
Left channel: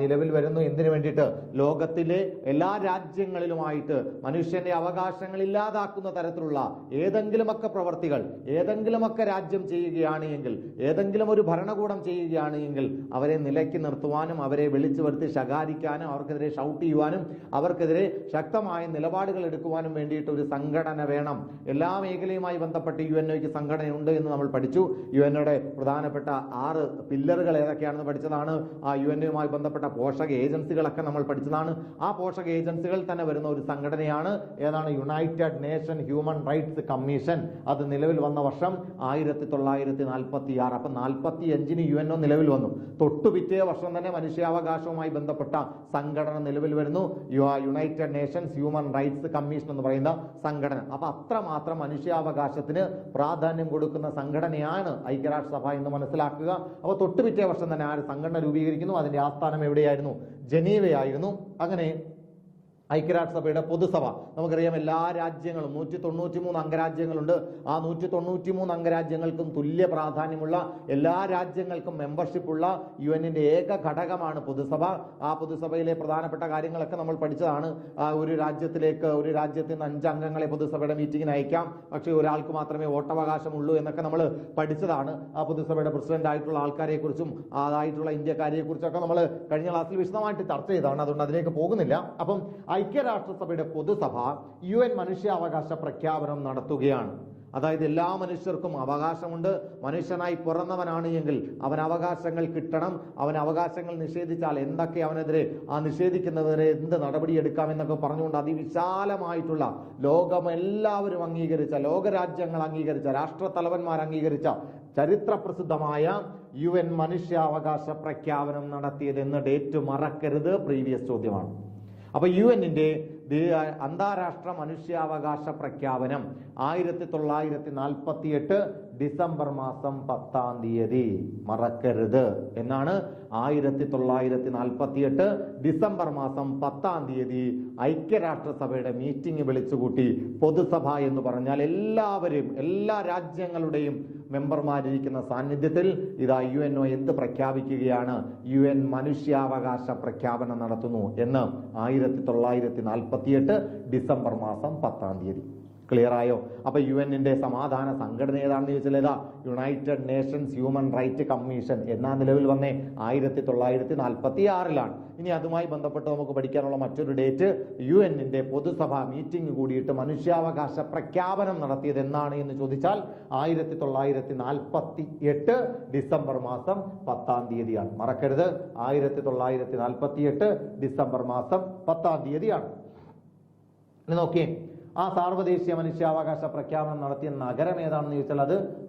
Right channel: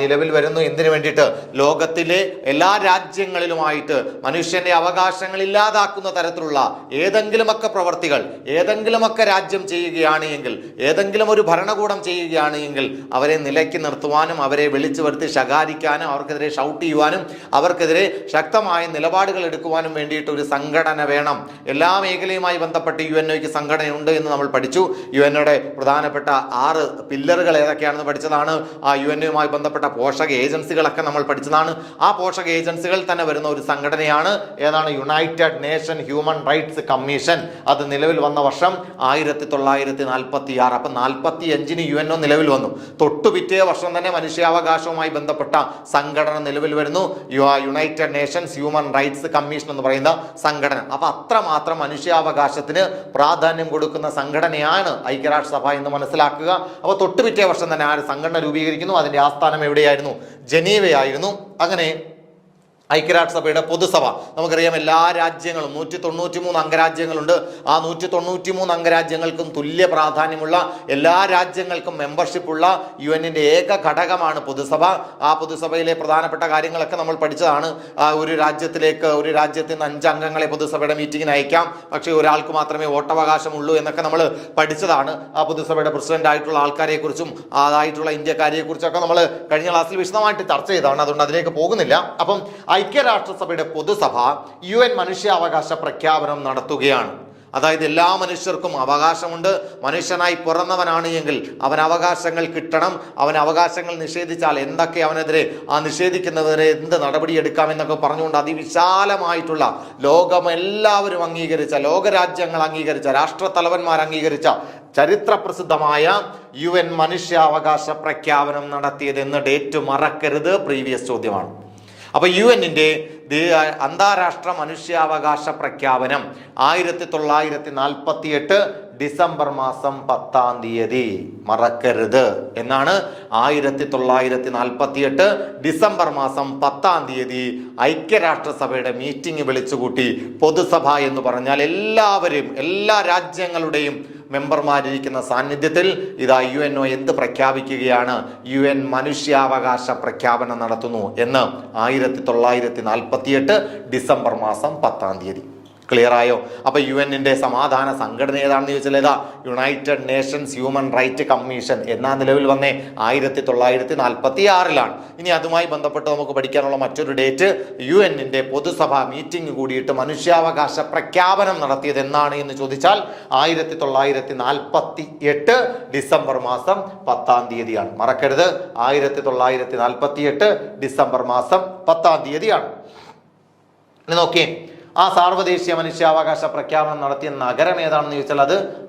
നിലവിൽ വരുന്നു. എന്തിനു വേണ്ടിയിട്ട്? ലോകത്തിലെ എല്ലാ രാജ്യങ്ങളിലുമായിട്ട് മനുഷ്യന്റെ അവകാശങ്ങൾ ഇല്ലാതാക്കുന്ന തരത്തിലുള്ള ഏതെങ്കിലുമൊക്കെ പ്രവർത്തികൾ ഏതെങ്കിലുമൊക്കെ രാജ്യം ചെയ്യുകയാണ് എങ്കിൽ, ഏതെങ്കിലും ഒരു ഭരണകൂടം ചെയ്യുകയാണ് എങ്കിൽ അവരെ നിലയ്ക്ക് നിർത്തുവാനും അവരെ വിളിച്ചു വരുത്തി ശകാരിക്കാനും അവർക്കെതിരെ ഷൗട്ട് ചെയ്യുവാനും അവർക്കെതിരെ ശക്തമായ നിലപാടുകൾ എടുക്കുവാനും വേണ്ടിയിട്ട് ഒരു സംഘടന വേണം. എല്ലാ മേഖലയുമായി ബന്ധപ്പെട്ട് UNOയ്ക്ക് സംഘടനയുണ്ട് എന്ന് നമ്മൾ പഠിച്ചു. UNOയുടെ പ്രധാനപ്പെട്ട 6 പില്ലറുകൾ ഏതൊക്കെയാണെന്ന് പഠിച്ചതാണ്. ആ UNOയുമായി ബന്ധപ്പെട്ട പോഷക ഏജൻസികളൊക്കെ നമ്മൾ പഠിച്ചതാണ്. ആ പോഷക ഏജൻസികൾ തന്നെ വരുന്ന ഒരു സംഘടനയാണ് ഏതാണ്? United nation human rights commission. അത് നിലവിൽ വന്ന വർഷം 1946. അപ്പം 45 UNO നിലവിൽ വന്നു. തൊട്ടു പിറ്റേ വർഷം തന്നെ മനുഷ്യാവകാശവുമായി ബന്ധപ്പെട്ട സംഘടന നിലവിൽ വരുന്നു, United nations human rights commission എന്ന് പറയുന്ന സംഘടന. അപ്പൊ അത്രമാത്രം മനുഷ്യാവകാശത്തിന് പ്രാധാന്യം കൊടുക്കുന്ന സംഘടനയാണ് ഐക്യരാഷ്ട്രസഭ എന്ന് മനസ്സിലാക്കുക. അപ്പോൾ തൊട്ടുപിറ്റേ വർഷം തന്നെ ആ സംഘടന രൂപീകരിക്കുന്നു. അതിന്റെ ആസ്ഥാനം എവിടെയായിരുന്നു? ജനീവയായിരുന്നു. അങ്ങനെ ഐക്യരാഷ്ട്രസഭയുടെ പൊതുസഭ നമുക്കറിയാം, എല്ലാ രാജ്യങ്ങളും 193 അംഗരാജ്യങ്ങളുണ്ട്. ആ 193 അംഗരാജ്യങ്ങൾക്കും തുല്യ പ്രാധാന്യമുള്ള, എല്ലാ രാജ്യങ്ങൾക്കും മെമ്പർഷിപ്പ് ഉള്ള UN-ന്റെ ഏക ഘടകമാണ് പൊതുസഭ. ആ പൊതുസഭയിലെ പ്രധാനപ്പെട്ട കാര്യങ്ങളൊക്കെ നമ്മൾ പഠിച്ചതാണ്. ഒരു രാജ്യത്തിന് 5 അംഗങ്ങളെ പൊതുസഭയുടെ മീറ്റിങ്ങിന് അയക്കാം, പക്ഷേ ഒരാൾക്ക് മാത്രമേ വോട്ടവകാശമുള്ളൂ എന്നൊക്കെ നമ്മൾ പഠിച്ചതാണ്. ആ പൊതുസഭയുടെ പ്രസിഡന്റ് ആയിട്ടുള്ള ആൾക്കാരെ കുറിച്ചും അതായിട്ടുള്ള ഇന്ത്യക്കാരെ കുറിച്ചൊക്കെ നമ്മൾ കഴിഞ്ഞ ക്ലാസ്സിൽ വിശദമായിട്ട് ചർച്ച ചെയ്തതാണ്. അതുകൊണ്ട് അതിലേക്ക് പോകുന്നില്ല. അപ്പം ഐക്യരാഷ്ട്രസഭയുടെ പൊതുസഭ UN മനുഷ്യാവകാശ പ്രഖ്യാപനം നടത്തുകയാണ്. അതായത് എല്ലാ മനുഷ്യർക്കും അവകാശമുണ്ട്. മനുഷ്യനായി പിറന്നവനാണ് എങ്കിൽ അവൻ അവകാശങ്ങൾ കിട്ടണം. അവൻ അവകാശങ്ങൾ നിഷേധിച്ചാൽ എന്തൊക്കെ അവനെതിരെ നിഷേധിക്കുന്നതിനെ എന്ത് നടപടിയെടുക്കാം എന്നൊക്കെ പറഞ്ഞുകൊണ്ട് അതിവിശാലമായിട്ടുള്ള ലോകമെല്ലാവരും അംഗീകരിച്ച, ലോകരാജ്യങ്ങൾ അംഗീകരിച്ച, രാഷ്ട്രത്തലവന്മാർ അംഗീകരിച്ച ചരിത്രപ്രസിദ്ധമായ UN മനുഷ്യാവകാശ പ്രഖ്യാപനം നടത്തിയത് എന്ന ഡേറ്റ് മറക്കരുത്. പ്രീവിയസ് ചോദ്യമാണ്. അപ്പോൾ UN-ന്റെ അന്താരാഷ്ട്ര മനുഷ്യാവകാശ പ്രഖ്യാപനം 1948 ഡിസംബർ മാസം 10-ാം തീയതി. മറക്കരുത് എന്നാണ്. 1948 ഡിസംബർ മാസം 10-ാം തീയതി ഐക്യരാഷ്ട്രസഭയുടെ മീറ്റിംഗ് വിളിച്ചുകൂട്ടി. പൊതുസഭ എന്ന് പറഞ്ഞാൽ എല്ലാവരും, എല്ലാ രാജ്യങ്ങളുടെയും മെമ്പർമാരിരിക്കുന്ന സാന്നിധ്യത്തിൽ ഇതാ UNO എന്ത് പ്രഖ്യാപിക്കുകയാണ്? UN മനുഷ്യാവകാശ പ്രഖ്യാപനം നടത്തുന്നു എന്ന് 1948 ഡിസംബർ മാസം 10-ാം തീയതി. ക്ലിയർ ആയോ? അപ്പൊ UN സമാധാന സംഘടന ഏതാണെന്ന് ചോദിച്ചാൽ ഏതാ? United nations human right commission എന്നാ നിലവിൽ വന്നേ 1946-ലാണ്. ഇനി അതുമായി ബന്ധപ്പെട്ട് നമുക്ക് പഠിക്കാനുള്ള മറ്റൊരു ഡേറ്റ്, UN പൊതുസഭ മീറ്റിംഗ് കൂടിയിട്ട് മനുഷ്യാവകാശ പ്രഖ്യാപനം നടത്തിയത് എന്നാണ് എന്ന് ചോദിച്ചാൽ 1948 ഡിസംബർ മാസം 10-ാം തീയതിയാണ്. മറക്കരുത്, 1948 ഡിസംബർ മാസം 10-ാം തീയതിയാണ്. ഇനി നോക്കിയേ, ആ സാർവദേശീയ മനുഷ്യാവകാശ പ്രഖ്യാപനം നടത്തിയ നഗരം ഏതാണെന്ന് ചോദിച്ചാൽ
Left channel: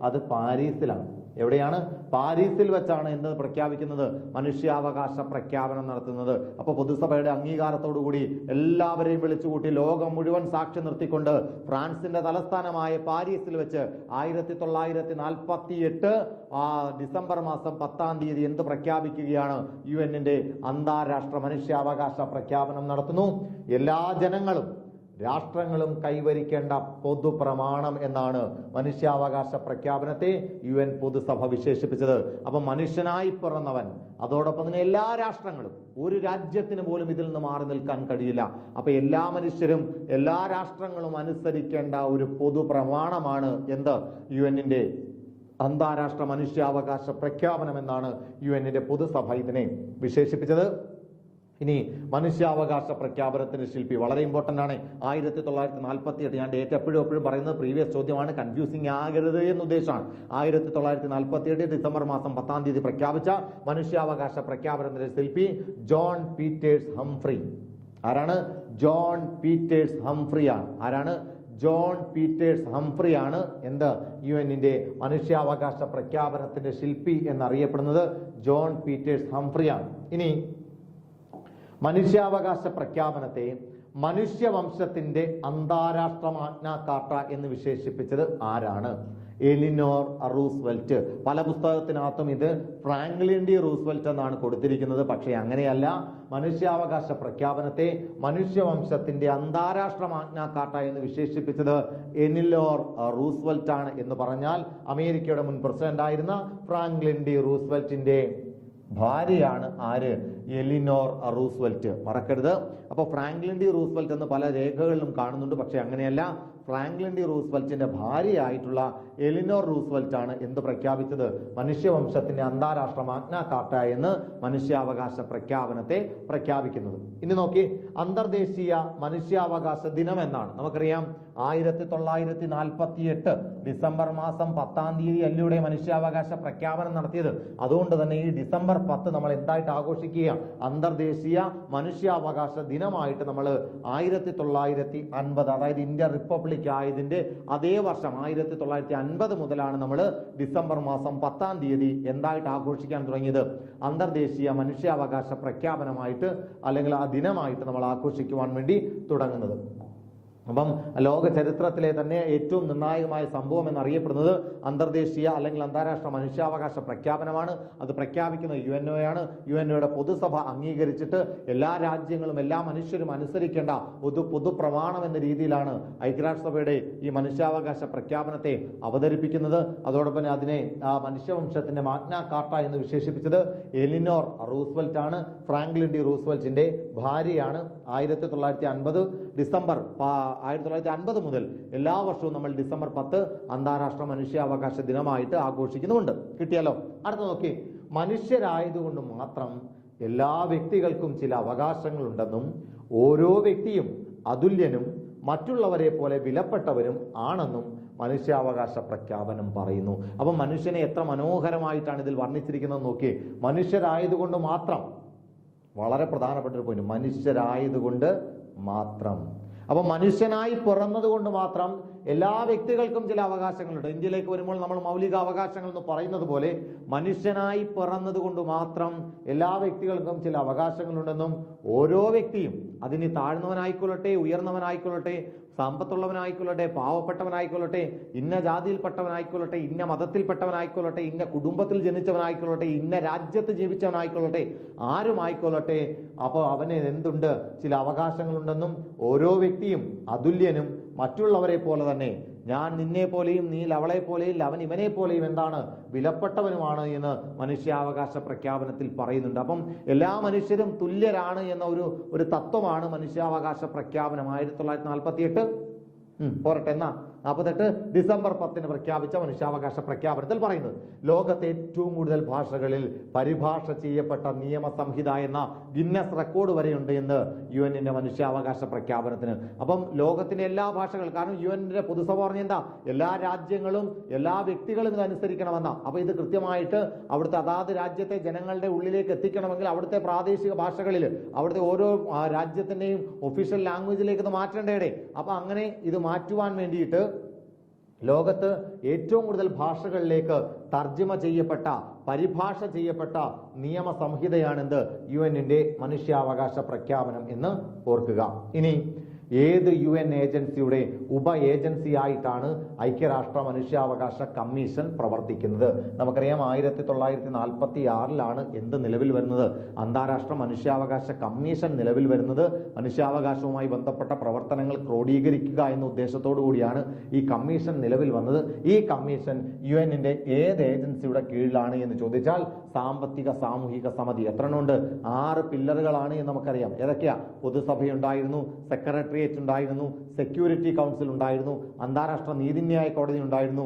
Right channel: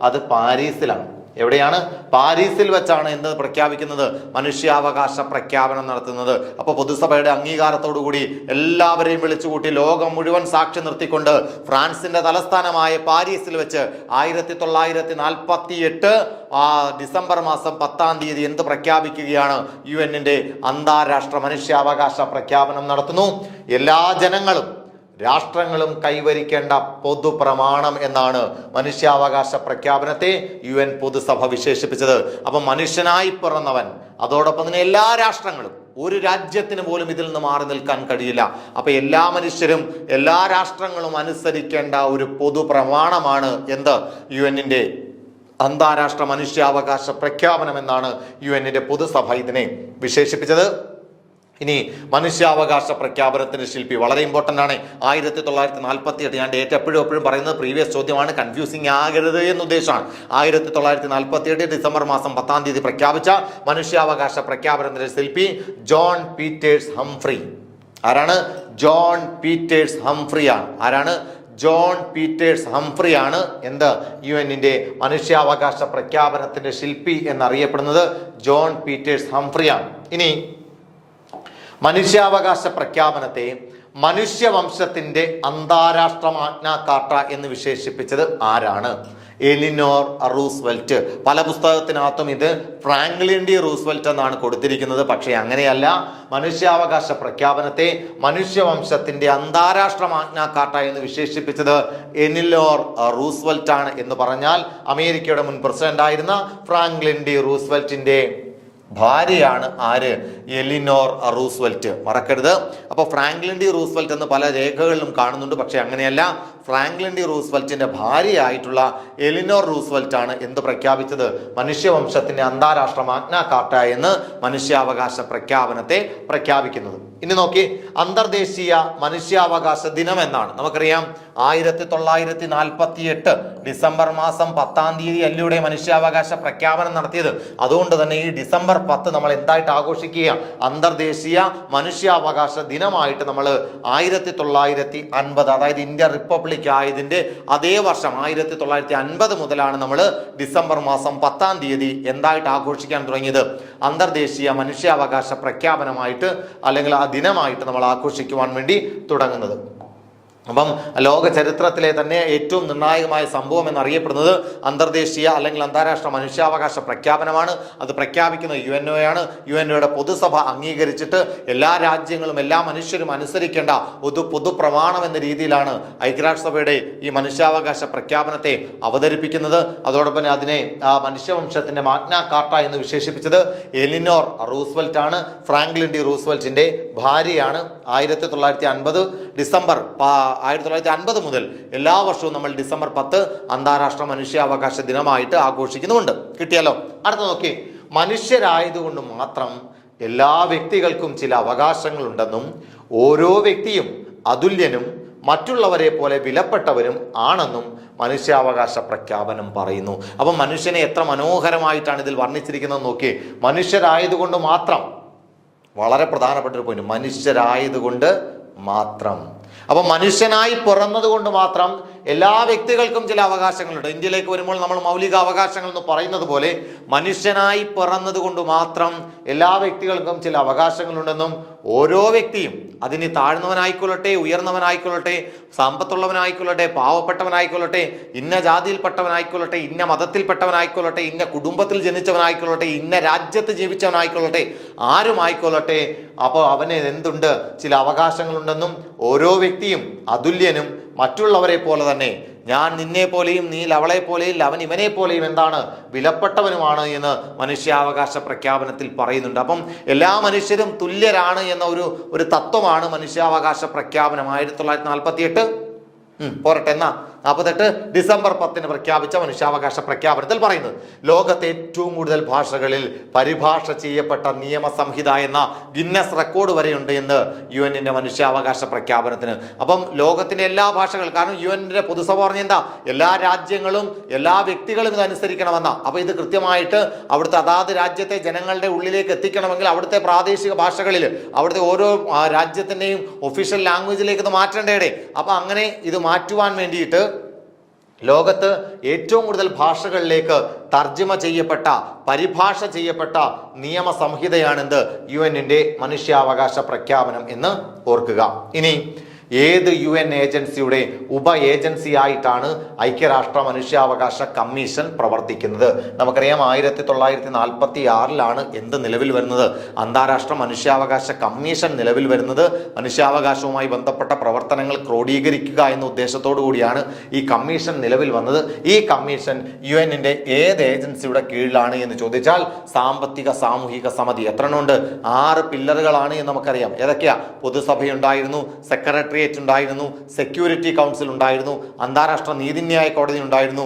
അത് പാരീസിലാണ്. എവിടെയാണ്? പാരീസിൽ വെച്ചാണ് എന്ത് പ്രഖ്യാപിക്കുന്നത്? മനുഷ്യാവകാശ പ്രഖ്യാപനം നടത്തുന്നത്. അപ്പൊ പൊതുസഭയുടെ അംഗീകാരത്തോടു കൂടി എല്ലാവരെയും വിളിച്ചുകൂട്ടി ലോകം മുഴുവൻ സാക്ഷി നിർത്തിക്കൊണ്ട് ഫ്രാൻസിന്റെ തലസ്ഥാനമായ പാരീസിൽ വെച്ച് 1948 ഡിസംബർ മാസം 10-ാം തീയതി എന്ത് പ്രഖ്യാപിക്കുകയാണ്? UN അന്താരാഷ്ട്ര മനുഷ്യാവകാശ പ്രഖ്യാപനം നടത്തുന്നു. എല്ലാ ജനങ്ങളും രാഷ്ട്രങ്ങളും കൈവരിക്കേണ്ട പൊതുപ്രമാണം എന്നാണ് മനുഷ്യാവകാശ പ്രഖ്യാപനത്തെ UN പൊതുസഭ വിശേഷിപ്പിച്ചത്. അപ്പൊ മനുഷ്യനായി പിറന്നവൻ, അതോടൊപ്പം തന്നെ എല്ലാ രാഷ്ട്രങ്ങളും, ഒരു രാജ്യത്തിന് പോലും ഇതിൽ നിന്ന് മാറി നിൽക്കാൻ കഴിയില്ല. അപ്പൊ എല്ലാ മനുഷ്യരും എല്ലാ രാഷ്ട്രങ്ങളും അനുസരിക്കേണ്ട ഒരു പൊതുപ്രമാണമാണ് എന്ത്? UN അന്താരാഷ്ട്ര മനുഷ്യാവകാശ പ്രഖ്യാപനം എന്നാണ് UN പൊതുസഭ ഇതിനെ വിശേഷിപ്പിച്ചത്. ഇനി മനുഷ്യാവകാശ പ്രഖ്യാപനത്തിന്റെ ശില്പി വളരെ ഇമ്പോർട്ടൻ്റ് ആണ്. 1948. ഞാൻ ഡേറ്റ് എപ്പോഴും പറയുന്നത് പ്രീവിയസ് ചോദ്യമാണ്, കൺഫ്യൂസിങ് ആകരുത് എന്ന ഉദ്ദേശമാണ്. 1948 ഡിസംബർ മാസം 10-ാം തീയതി പ്രഖ്യാപിച്ച മനുഷ്യാവകാശ പ്രഖ്യാപനത്തിന്റെ ശില്പി ജോൺ പീറ്റേഴ്സ് ഹംഫ്രി. ആരാണ്? ജോൺ പീറ്റേഴ്സ് ഹംഫ്രിയാണ്. ആരാണ്? ജോൺ പീറ്റേഴ്സ് ഹംഫ്രിയാണ് എന്ത്? UN മനുഷ്യാവകാശ പ്രഖ്യാപനത്തിന്റെ ശില്പി എന്നറിയപ്പെടുന്നത് ജോൺ പീറ്റേഴ്സ് ഹംഫ്രിയാണ്. ഇനി മനുഷ്യാവകാശ പ്രഖ്യാപനത്തെ മനുഷ്യവംശത്തിന്റെ അന്താരാഷ്ട്ര മാഗ്ന കാർട്ട എന്ന് വിശേഷിപ്പിച്ചത് ആരാണ്? Eleanor Roosevelt. പല പുസ്തകത്തിനകത്തും ഇത് ഫ്രാങ്ക്ലിൻ ഡി റൂസ്വെൽറ്റ് എന്നാണ് കൊടുത്തിരിക്കുന്നത്. പക്ഷേ അങ്ങനെയല്ല. മനുഷ്യാവകാശ പ്രഖ്യാപനത്തെ മനുഷ്യവംശത്തിന്റെ അന്താരാഷ്ട്ര മാഗ്ന കാർട്ട എന്ന് വിശേഷിപ്പിച്ചത് എലിനോർ റൂസ്വെൽറ്റ് ആണ്. എന്ന് പറഞ്ഞാൽ അമേരിക്കയുടെ മുൻ പ്രസിഡന്റ് ആയിരുന്ന ഫ്രാങ്ക്ലിൻ ഡി റൂസ്വെൽറ്റിന്റെ ഭാര്യയാണ് ആര്? Eleanor Roosevelt. മറക്കരുത്. അപ്പോൾ ഫ്രാങ്ക്ലിൻ ഡി റൂസ്വെൽറ്റ് എന്ന് പല രേഖകളിലും കാണുന്നുണ്ട്. പക്ഷെ അങ്ങനെയല്ല. ഫ്രാങ്ക്ലിൻ ഡി റൂസ്വെൽറ്റിന്റെ ഭാര്യയായിട്ടുള്ള എലിനോർ റൂസ്വെൽറ്റ് ആണ് എന്ത് പ്രഖ്യാപിച്ചത്? മനുഷ്യവംശത്തിന്റെ അന്താരാഷ്ട്ര മാഗ്ന കാർട്ട എന്ന് മനുഷ്യാവകാശ പ്രഖ്യാപനത്തെ പ്രഖ്യാപിക്കുന്നത്. ഇനി നോക്കി, അന്തർദേശീയ മനുഷ്യാവകാശ ദിനം എന്നാണ്. നമുക്കറിയാം 1948 ഡിസംബർ മാസം 10-ാം തീയതി അല്ലൂടെ മനുഷ്യാവകാശ പ്രഖ്യാപനം നടത്തിയത്. അതുകൊണ്ട് തന്നെ ഈ ഡിസംബർ 10 നമ്മൾ എന്തായിട്ട് ആഘോഷിക്കുക? അന്തർദേശീയ മനുഷ്യാവകാശ ദിനമായിട്ട് നമ്മൾ 1950, അതായത് ഇന്ത്യ റിപ്പബ്ലിക് ആയതിന്റെ അതേ വർഷം 1950 മുതലാണ് നമ്മൾ ഡിസംബർ മാസം 10-ാം തീയതി എന്തായിട്ട് ആഘോഷിക്കാൻ തുടങ്ങിയത്? അന്തർദേശീയ മനുഷ്യാവകാശ പ്രഖ്യാപനമായിട്ട്, അല്ലെങ്കിൽ ആ ദിനമായിട്ട് നമ്മൾ ആഘോഷിക്കുവാൻ വേണ്ടി തുടങ്ങുന്നത്. അപ്പം ലോക ചരിത്രത്തിലെ തന്നെ ഏറ്റവും നിർണായകമായ സംഭവം എന്നറിയപ്പെടുന്നത് അന്തർദേശീയ അല്ലെങ്കിൽ അന്താരാഷ്ട്ര മനുഷ്യാവകാശ പ്രഖ്യാപനമാണ്. അത് പ്രഖ്യാപിക്കുന്നത് UNO ആണ്. UNOയുടെ പൊതുസഭ അംഗീകരിച്ചിട്ട് എല്ലാ രാജ്യങ്ങളും എല്ലാ മനുഷ്യരും അനുസരിക്കേണ്ട പൊതുപ്രമാണം എന്ന രീതിയിലാണ് ഐക്യരാഷ്ട്രസഭയുടെ ഈ മനുഷ്യാവകാശ പ്രഖ്യാപനത്തെ അവതരിപ്പിക്കുന്നത്. അതോടൊപ്പം അതിനെ മനുഷ്യവംശത്തിന്റെ മാഗ്ന കാർട്ട എന്ന് വിശേഷിപ്പിച്ചത് എലിനോർ റൂസ്വെൽറ്റ് ആണ്. ഫ്രാങ്ക്ലിൻ ഡി റൂസ്വെൽറ്റിന്റെ ഭാര്യയാണ്. 1950 ഡിസംബർ 1950 മുതൽ എല്ലാ വർഷവും നമ്മൾ ഡിസംബർ 10 അന്താരാഷ്ട്ര മനുഷ്യാവകാശ ദിനമായിട്ട് ആഘോഷിക്കുന്നുമുണ്ട്. കിട്ടിയല്ലോ. അടുത്ത നോക്കി, മനുഷ്യരായതുകൊണ്ട് മാത്രം എല്ലാ വ്യക്തികൾക്കും ചില അവകാശങ്ങളുണ്ടെന്നും ഓരോ വ്യക്തിയും അതുല്യനും മറ്റുള്ളവരെ പോലെ വിലപ്പെട്ടവരും ആണെന്നും മനുഷ്യാവകാശ പ്രഖ്യാപനം പറയുന്നു. അപ്പം മനുഷ്യനെ എത്ര മനോഹരമായിട്ടാണ് ഇതിൽ വർണ്ണിച്ചിരിക്കുന്നത് നോക്കി. മനുഷ്യരായതുകൊണ്ട് മാത്രം, വളരെ പ്രധാനപ്പെട്ട ഒരു പോയിന്റ്, മനുഷ്യരായതുകൊണ്ട് മാത്രം. അപ്പൊ മനുഷ്യനായി പിറന്നത് കൊണ്ട് മാത്രം എല്ലാ വ്യക്തികൾക്കും ചില അവകാശങ്ങളുണ്ട്. ഇന്ത്യയിലേക്ക് വരുമ്പോൾ നമ്മൾ മൗലിക അവകാശങ്ങൾ എന്ന് പറയുന്നത് പോലെ മനുഷ്യനായി പിറന്നത് കൊണ്ട് മാത്രം എല്ലാ വ്യക്തികൾക്കും ചില അവകാശങ്ങളുണ്ടെന്നും ഓരോ വ്യക്തിയും, അതിന് താഴ്ന്നവനായിക്കൊള്ളട്ടെ, ഉയർന്നവനായിക്കൊള്ളട്ടെ, സമ്പത്തുള്ളവനായിക്കൊള്ളട്ടെ, പാവപ്പെട്ടവനായിക്കൊള്ളട്ടെ, ഇന്ന ജാതിയിൽപ്പെട്ടവനായിക്കൊള്ളട്ടെ, ഇന്ന മതത്തിൽപ്പെട്ടവനായിക്കൊള്ളട്ടെ, ഇന്ന കുടുംബത്തിൽ ജനിച്ചവനായിക്കൊള്ളട്ടെ, ഇന്ന രാജ്യത്ത് ജീവിച്ചവനായിക്കൊള്ളട്ടെ, ആരുമായിക്കൊള്ളട്ടെ, അപ്പോൾ അവന് എന്തുണ്ട്? ചില അവകാശങ്ങളുണ്ടെന്നും ഓരോ വ്യക്തിയും അതുല്യനും മറ്റുള്ളവരെ പോലെ തന്നെ, ഞാൻ നിന്നെ പോലെയും നീ അവളെ പോലെയും അവൻ ഇവനെ പോലെയും എന്താണ്? വിലപ്പെട്ടവനുമാണ് എന്ന് മനുഷ്യാവകാശ പ്രഖ്യാപനത്തിൽ പറയുന്നുണ്ട്. അപ്പം എല്ലാ മനുഷ്യരും തുല്യരാണ് എന്ന ഒരു തത്വമാണ് മനുഷ്യാവകാശ പ്രഖ്യാപനം. 1948 പോരട്ടെ. എന്നാ 48 ഡിസംബർ 10 പ്രഖ്യാപിച്ച മനുഷ്യാവകാശ പ്രഖ്യാപനത്തിൽ പറയുന്നത് ലോകത്തെ ഏറ്റവും കൂടുതൽ ഭാഷകളിൽ പരിഭാഷ ചെയ്യപ്പെട്ട നിയമസംഹിത എന്ന ഗിന്നസ് റെക്കോർഡ് വരെയുണ്ട് എന്ന് UN മനുഷ്യാവകാശ പ്രഖ്യാപനത്തിന്. അപ്പം ലോകത്തിന്റെ എല്ലാ ഭാഷകൾ, കാരണം UN പൊതുസഭ പറഞ്ഞ എന്താ, എല്ലാ രാജ്യങ്ങളും എല്ലാ വ്യക്തികളും ഇത് അനുസരിക്കണമെന്ന. അപ്പൊ ഇത് കൃത്യമായിട്ട് അവിടുത്തെ അതാത് രാജ്യത്തെ ജനങ്ങളുടെ ഉള്ളിലേക്ക് എത്തിക്കണമെങ്കിൽ അവിടുത്തെ പ്രാദേശിക ഭാഷകളിൽ അവിടുത്തെ ഓരോ രാജ്യത്തിന്റെയും ഒഫീഷ്യൽ ലാംഗ്വേജിലേക്ക് ഇത് മാറ്റേണ്ടേ. അപ്പൊ അങ്ങനെ ഇത് മാറ്റുവാൻ വേണ്ടിയിട്ട് ലോകത്ത് ഏറ്റവും കൂടുതൽ ഭാഷകളിലേക്ക് തർജ്ജമ ചെയ്യപ്പെട്ട, പരിഭാഷ ചെയ്യപ്പെട്ട നിയമസംഹിതയാണെന്ത് UN മനുഷ്യാവകാശ പ്രഖ്യാപനം എന്ന് ഓർക്കുക. ഇനി ഏത് UN ഏജൻസിയുടെ ഉപ ഏജൻസി ആയിട്ടാണ് ഐക്യരാഷ്ട്ര മനുഷ്യാവകാശ കമ്മീഷൻ പ്രവർത്തിക്കുന്നത്? നമുക്കറിയാം 1946 എന്ത് നിലവിൽ വരുന്നത്? അന്താരാഷ്ട്ര മനുഷ്യാവകാശ കമ്മീഷൻ നിലവിൽ വരുന്നത്. മനുഷ്യാവകാശവുമായി ബന്ധപ്പെട്ട പ്രവർത്തനങ്ങൾ ക്രോഡീകരിക്കുക എന്ന ഉദ്ദേശത്തോടു കൂടിയാണ് ഈ കമ്മീഷൻ നിലവിൽ വന്നത്. ഈ കമ്മീഷൻ UN ഏത് ഏജൻസിയുടെ കീഴിലാണ് എന്ന് ചോദിച്ചാൽ സാമ്പത്തിക സാമൂഹിക സമിതി. എത്ര എണ്ണമുണ്ട്? 6 പില്ലറുകളാണ് എന്ന് നമുക്കറിയാം. ഏതൊക്കെയാ? പൊതുസഭയുണ്ടായിരുന്നു, സെക്രട്ടറി ഉണ്ടായിരുന്നു, സെക്യൂരിറ്റി കൗൺസിൽ ഉണ്ടായിരുന്നു, അന്താരാഷ്ട്ര നീതിന്യായ കോടതി ഉണ്ടായിരുന്നു,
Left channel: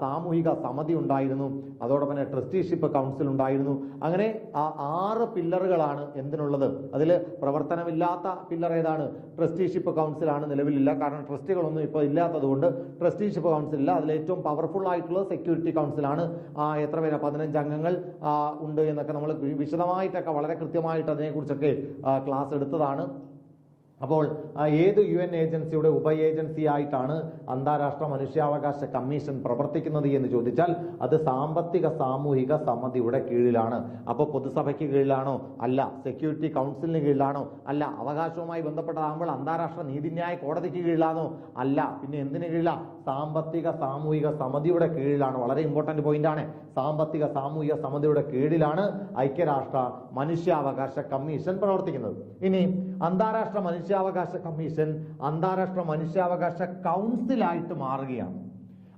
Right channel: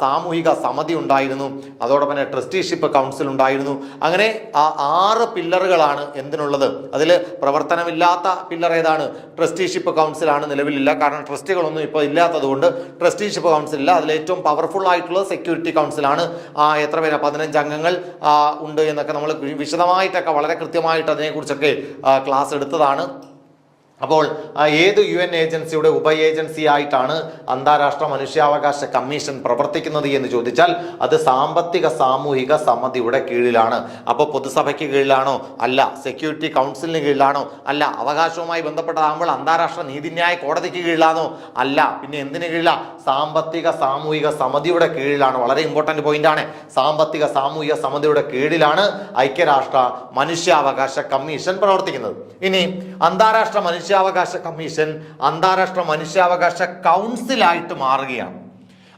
സാമൂഹിക സമിതി ഉണ്ടായിരുന്നു, അതോടൊപ്പം തന്നെ ട്രസ്റ്റിഷിപ്പ് കൗൺസിൽ ഉണ്ടായിരുന്നു. അങ്ങനെ ആ 6 പില്ലറുകളാണ് എന്തിനുള്ളത്. അതിൽ പ്രവർത്തനമില്ലാത്ത പില്ലർ ഏതാണ്? ട്രസ്റ്റിഷിപ്പ് കൗൺസിലാണ്. നിലവിലില്ല, കാരണം ട്രസ്റ്റികളൊന്നും ഇപ്പോൾ ഇല്ലാത്തത് കൊണ്ട് ട്രസ്റ്റിഷിപ്പ് കൗൺസിൽ ഇല്ല. അതിൽ ഏറ്റവും പവർഫുൾ ആയിട്ടുള്ളത് സെക്യൂരിറ്റി കൗൺസിലാണ്. എത്ര പേരാ? 15 അംഗങ്ങൾ ഉണ്ട് എന്നൊക്കെ നമ്മൾ വിശദമായിട്ടൊക്കെ വളരെ കൃത്യമായിട്ട് അതിനെക്കുറിച്ചൊക്കെ ക്ലാസ് എടുത്തതാണ്. അപ്പോൾ ഏത് UN ഏജൻസിയുടെ ഉപ ഏജൻസി ആയിട്ടാണ് അന്താരാഷ്ട്ര മനുഷ്യാവകാശ കമ്മീഷൻ പ്രവർത്തിക്കുന്നത് എന്ന് ചോദിച്ചാൽ അത് സാമ്പത്തിക സാമൂഹിക സമിതിയുടെ കീഴിലാണ്. അപ്പോൾ പൊതുസഭയ്ക്ക് കീഴിലാണോ? അല്ല. സെക്യൂരിറ്റി കൗൺസിലിന് കീഴിലാണോ? അല്ല. അവകാശവുമായി ബന്ധപ്പെട്ടതാകുമ്പോൾ അന്താരാഷ്ട്ര നീതിന്യായ കോടതിക്ക് കീഴിലാണോ? അല്ല. പിന്നെ എന്തിനു കീഴിലാണ്? സാമ്പത്തിക സാമൂഹിക സമിതിയുടെ കീഴിലാണ്. വളരെ ഇമ്പോർട്ടന്റ് പോയിന്റ് ആണ്. സാമ്പത്തിക സാമൂഹിക സമിതിയുടെ കീഴിലാണ് ഐക്യരാഷ്ട്ര മനുഷ്യാവകാശ കമ്മീഷൻ പ്രവർത്തിക്കുന്നത്. ഇനി അന്താരാഷ്ട്ര മനുഷ്യാവകാശ കമ്മീഷൻ അന്താരാഷ്ട്ര മനുഷ്യാവകാശ കൗൺസിലായിട്ട് മാറുകയാണ്.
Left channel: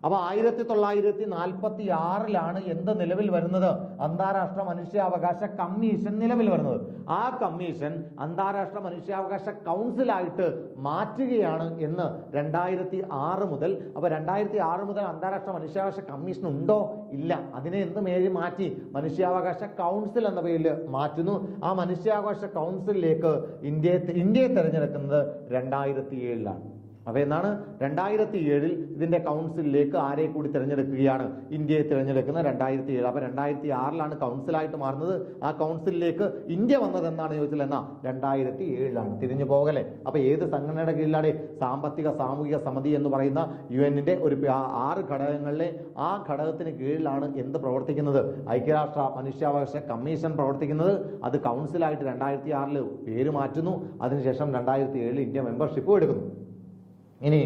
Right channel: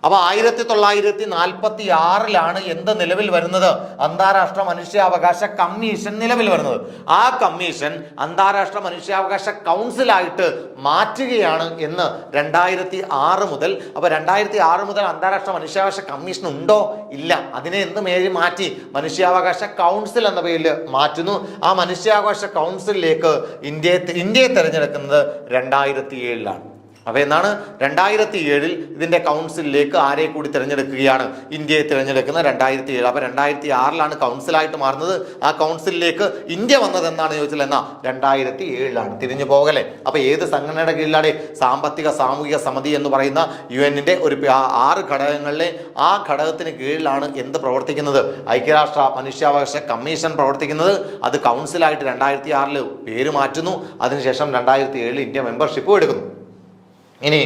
അപ്പൊ 1946 എന്ത് നിലവിൽ വരുന്നത്? അന്താരാഷ്ട്ര മനുഷ്യാവകാശ കമ്മീഷൻ നിലവിൽ വരുന്നത്. ആ കമ്മീഷൻ അന്താരാഷ്ട്ര മനുഷ്യാവകാശ കൗൺസിലായിട്ട് മാറ്റുകയാണ് എന്ന് 2006 മുതൽ. അപ്പൊ 2006 മുതൽ അന്താരാഷ്ട്ര മനുഷ്യാവകാശ കമ്മീഷൻ ഉണ്ടോ? ഇല്ല. അതിനെ എന്ത് മാറ്റി? മനുഷ്യാവകാശ കൗൺസിൽ എന്ന പേരിൽ മാറ്റുന്നു. ആ മനുഷ്യാവകാശ കൗൺസിലിലേക്ക് ഇന്ത്യയെ തിരഞ്ഞെടുക്കുന്നത് 2007 അപ്പൊ എന്നാണ് 2007 ഇതിന്റെ കൗൺസിലിലേക്ക് ആരെ കൂടി തിരഞ്ഞെടുക്കുകയാണ്? ഇന്ത്യയെ തിരഞ്ഞെടുക്കുന്ന 2007. അപ്പൊ 2006 കൗൺസിലായിട്ട് മാറുന്നത്. ആ കൗൺസിലിലേക്ക് ഇന്ത്യ വന്നത് എന്നാണ് ചോദിച്ചത്? എന്നാ 2007 തിരിഞ്ഞു പോകലെ. അപ്പൊ ഏത് സംഘടനയുടെ കീഴിലാണ്? സാമ്പത്തിക സാമൂഹിക സമിതി എന്ന് പറയുന്ന UN ഒരു 6 ഘടകങ്ങളിലെ ആ ഘടകത്തിന് കീഴിലാണ് എന്ത് പ്രവർത്തിക്കുന്നത്? ഐക്യരാഷ്ട്ര മനുഷ്യാവകാശ കമ്മീഷൻ പ്രവർത്തിക്കുന്നത്. അത് കൗൺസിലായിട്ട് 2006 പേര് മാറ്റുന്നു. അതിനുശേഷം 2007 ഇന്ത്യ മെമ്പർഷിപ്പും എടുക്കുന്നു. ഇനി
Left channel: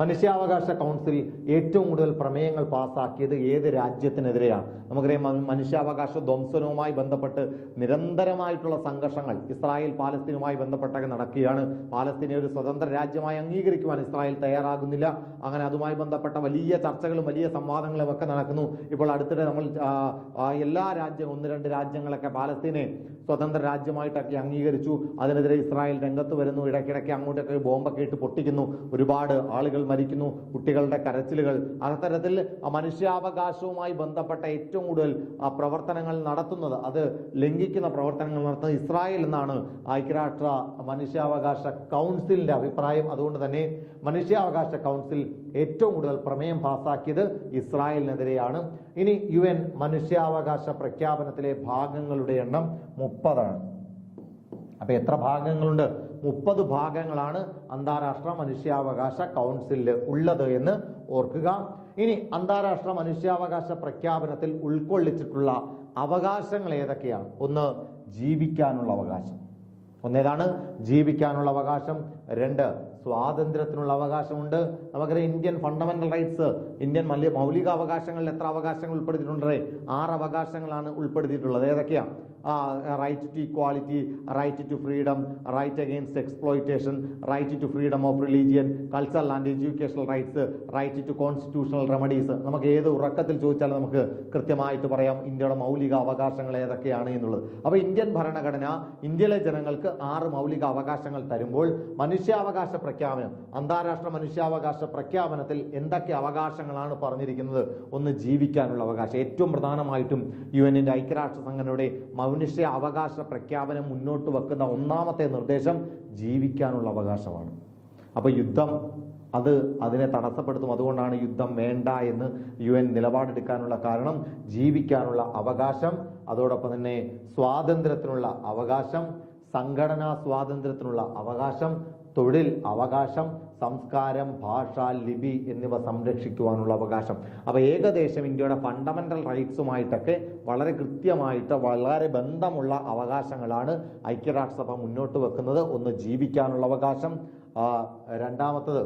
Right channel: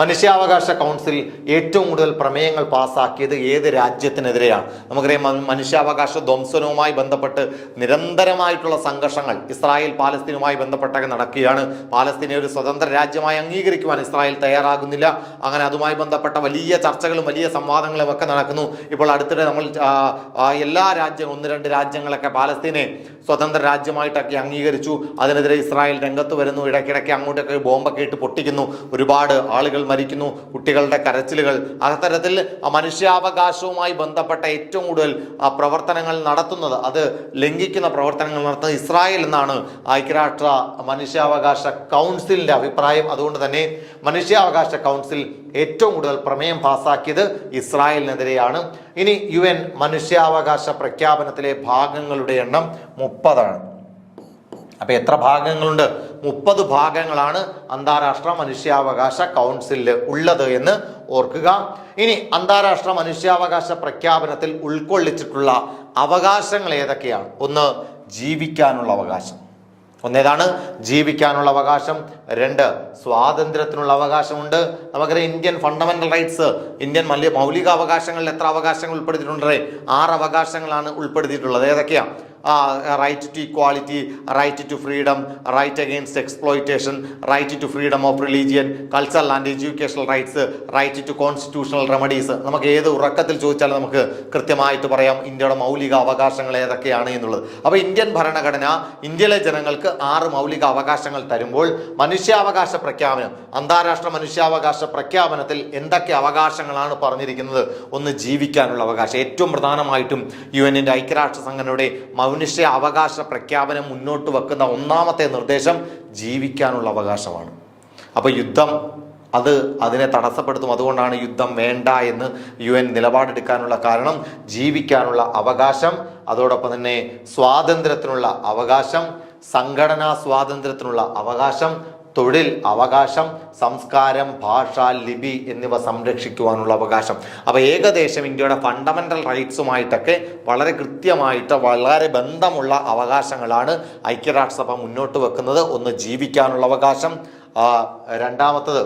മനുഷ്യാവകാശ കൗൺസിൽ ഏറ്റവും കൂടുതൽ പ്രമേയങ്ങൾ പാസ്സാക്കിയത് ഏത് രാജ്യത്തിനെതിരെയാണ്? നമുക്കറിയാം മനുഷ്യാവകാശ ധ്വംസനവുമായി ബന്ധപ്പെട്ട് നിരന്തരമായിട്ടുള്ള സംഘർഷങ്ങൾ ഇസ്രായേൽ പാലസ്തീനുമായി ബന്ധപ്പെട്ടൊക്കെ നടക്കുകയാണ്. പാലസ്തീനെ ഒരു സ്വതന്ത്ര രാജ്യമായി അംഗീകരിക്കുവാൻ ഇസ്രായേൽ തയ്യാറാകുന്നില്ല. അങ്ങനെ അതുമായി ബന്ധപ്പെട്ട വലിയ ചർച്ചകളും വലിയ സംവാദങ്ങളും ഒക്കെ നടക്കുന്നു. ഇപ്പോൾ അടുത്തിടെ നമ്മൾ എല്ലാ രാജ്യങ്ങളും 1-2 രാജ്യങ്ങളൊക്കെ പാലസ്തീനെ സ്വതന്ത്ര രാജ്യമായിട്ടൊക്കെ അംഗീകരിച്ചു. അതിനെതിരെ ഇസ്രായേൽ രംഗത്ത് വരുന്നു. ഇടയ്ക്കിടയ്ക്ക് അങ്ങോട്ടൊക്കെ ബോംബൊക്കെ ഇട്ട് പൊട്ടിക്കുന്നു. ഒരുപാട് ആളുകൾ മരിക്കുന്നു. കുട്ടികളുടെ കരച്ചിലുകൾ. അത്തരത്തിൽ മനുഷ്യാവകാശവുമായി ബന്ധപ്പെട്ട ഏറ്റവും കൂടുതൽ പ്രവർത്തനങ്ങൾ നടത്തുന്നത്, അത് ലംഘിക്കുന്ന പ്രവർത്തനങ്ങൾ നടത്തുന്നത് ഇസ്രായേൽ എന്നാണ് ഐക്യരാഷ്ട്ര മനുഷ്യാവകാശ കൗൺസിലിന്റെ അഭിപ്രായം. അതുകൊണ്ട് തന്നെ മനുഷ്യാവകാശ കൗൺസിൽ ഏറ്റവും കൂടുതൽ പ്രമേയം പാസ്സാക്കിയത് ഇസ്രായേലിനെതിരെയാണ്. ഇനി UN മനുഷ്യാവകാശ പ്രഖ്യാപനത്തിലെ ഭാഗങ്ങളുടെ എണ്ണം 30 അപ്പൊ എത്ര ഭാഗങ്ങളുണ്ട്? 30 ഭാഗങ്ങളാണ് അന്താരാഷ്ട്ര മനുഷ്യാവകാശ കൗൺസിലിൽ ഉള്ളത് എന്ന് ഓർക്കുക. ഇനി അന്താരാഷ്ട്ര മനുഷ്യാവകാശ പ്രഖ്യാപനത്തിൽ ഉൾക്കൊള്ളിച്ചിട്ടുള്ള അവകാശങ്ങൾ ഏതൊക്കെയാണ്? ഒന്ന്, ജീവിക്കാനുള്ള അവകാശം. ഒന്നേതാണ് ജീവിക്കാനുള്ള അവകാശം. 2, സ്വാതന്ത്ര്യത്തിനുള്ള അവകാശമുണ്ട്. നമുക്കറിയാം ഇന്ത്യൻ ഫണ്ടമെന്റൽ റൈറ്റ്സ്, ഇന്ത്യൻ മൗലിക അവകാശങ്ങളിൽ എത്ര അവകാശങ്ങൾ ഉൾപ്പെടുത്തിയിട്ടുണ്ട്? 6 അവകാശങ്ങളാണ് ഉൾപ്പെടുത്തിയിട്ടുള്ളത്. ഏതൊക്കെയാണ്? Right to equality, right to freedom, right against exploitation, right to freedom of religion, cultural and educational rights, right to constitutional remedies. നമുക്ക് ഏത് ഉറക്കത്തിൽ ചോദിച്ചാലും നമുക്ക് കൃത്യമായിട്ട് പറയാം ഇന്ത്യയുടെ മൗലിക അവകാശങ്ങൾ ഏതൊക്കെയാണ് എന്നുള്ളത്. അപ്പോൾ ഇന്ത്യൻ ഭരണഘടന ഇന്ത്യയിലെ ജനങ്ങൾക്ക് 6 മൗലിക അവകാശങ്ങൾ തരുമ്പോൾ മനുഷ്യാവകാശ പ്രഖ്യാപനം, അന്താരാഷ്ട്ര മനുഷ്യാവകാശ പ്രഖ്യാപനത്തിൽ എന്തൊക്കെ അവകാശങ്ങളാണ് പറഞ്ഞിരിക്കുന്നത്? ഒന്ന്, ജീവിക്കാനുള്ള അവകാശം. ഏറ്റവും പ്രധാനമായിട്ടും UN ഐക്യരാഷ്ട്ര സംഘടനയുടെ മനുഷ്യ അവകാശ പ്രഖ്യാപനം മുന്നോട്ട് വെക്കുന്ന ഒന്നാമത്തെ നിർദ്ദേശം ജീവിക്കാനുള്ള അവകാശമാണ്. അപ്പോൾ യുദ്ധം അതിനെ തടസ്സപ്പെടുത്തും. അതുകൊണ്ടാണ് യുദ്ധം വേണ്ട എന്ന് UN നിലപാടെടുക്കാനുള്ള കാരണം. ജീവിക്കാനുള്ള അവകാശം, അതോടൊപ്പം തന്നെ സ്വാതന്ത്ര്യത്തിനുള്ള അവകാശം, സംഘടനാ സ്വാതന്ത്ര്യത്തിനുള്ള അവകാശം, തൊഴിൽ അവകാശം, സംസ്കാരം, ഭാഷ, ലിപി എന്നിവ സംരക്ഷിക്കുവാനുള്ള അവകാശം. അപ്പോൾ ഏകദേശം ഇന്ത്യയുടെ ഫണ്ടമെന്റൽ റൈറ്റ്സുമായിട്ടൊക്കെ വളരെ കൃത്യമായിട്ട് വളരെ ബന്ധമുള്ള അവകാശങ്ങളാണ് ഐക്യരാഷ്ട്രസഭ മുന്നോട്ട് വെക്കുന്നത്. ഒന്ന്, ജീവിക്കാനുള്ള അവകാശം. രണ്ടാമത്തത്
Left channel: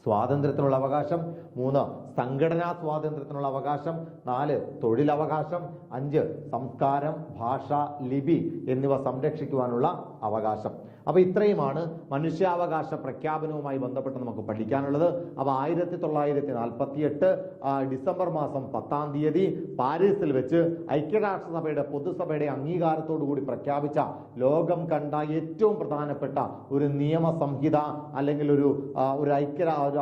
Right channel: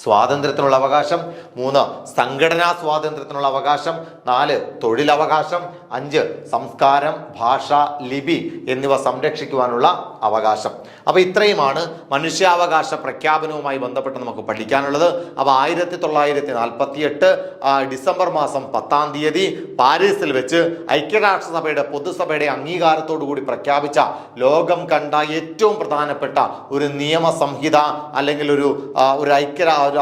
സ്വാതന്ത്ര്യത്തിനുള്ള അവകാശം. 3, സംഘടനാ സ്വാതന്ത്ര്യത്തിനുള്ള അവകാശം. 4, തൊഴിലവകാശം. 5, സംസ്കാരം, ഭാഷ, ലിപി എന്നിവ സംരക്ഷിക്കുവാനുള്ള അവകാശം. അപ്പോൾ ഇത്രയുമാണ് മനുഷ്യാവകാശ പ്രഖ്യാപനവുമായി ബന്ധപ്പെട്ട് നമുക്ക് പഠിക്കാനുള്ളത്. അപ്പോൾ 1948 ഡിസംബർ മാസം 10-ാം തീയതി പാരീസിൽ വെച്ച് ഐക്യരാഷ്ട്രസഭയുടെ പൊതുസഭയുടെ അംഗീകാരത്തോടു കൂടി പ്രഖ്യാപിച്ച ലോകം കണ്ട ഏറ്റവും പ്രധാനപ്പെട്ട ഒരു നിയമസംഹിത അല്ലെങ്കിൽ ഒരു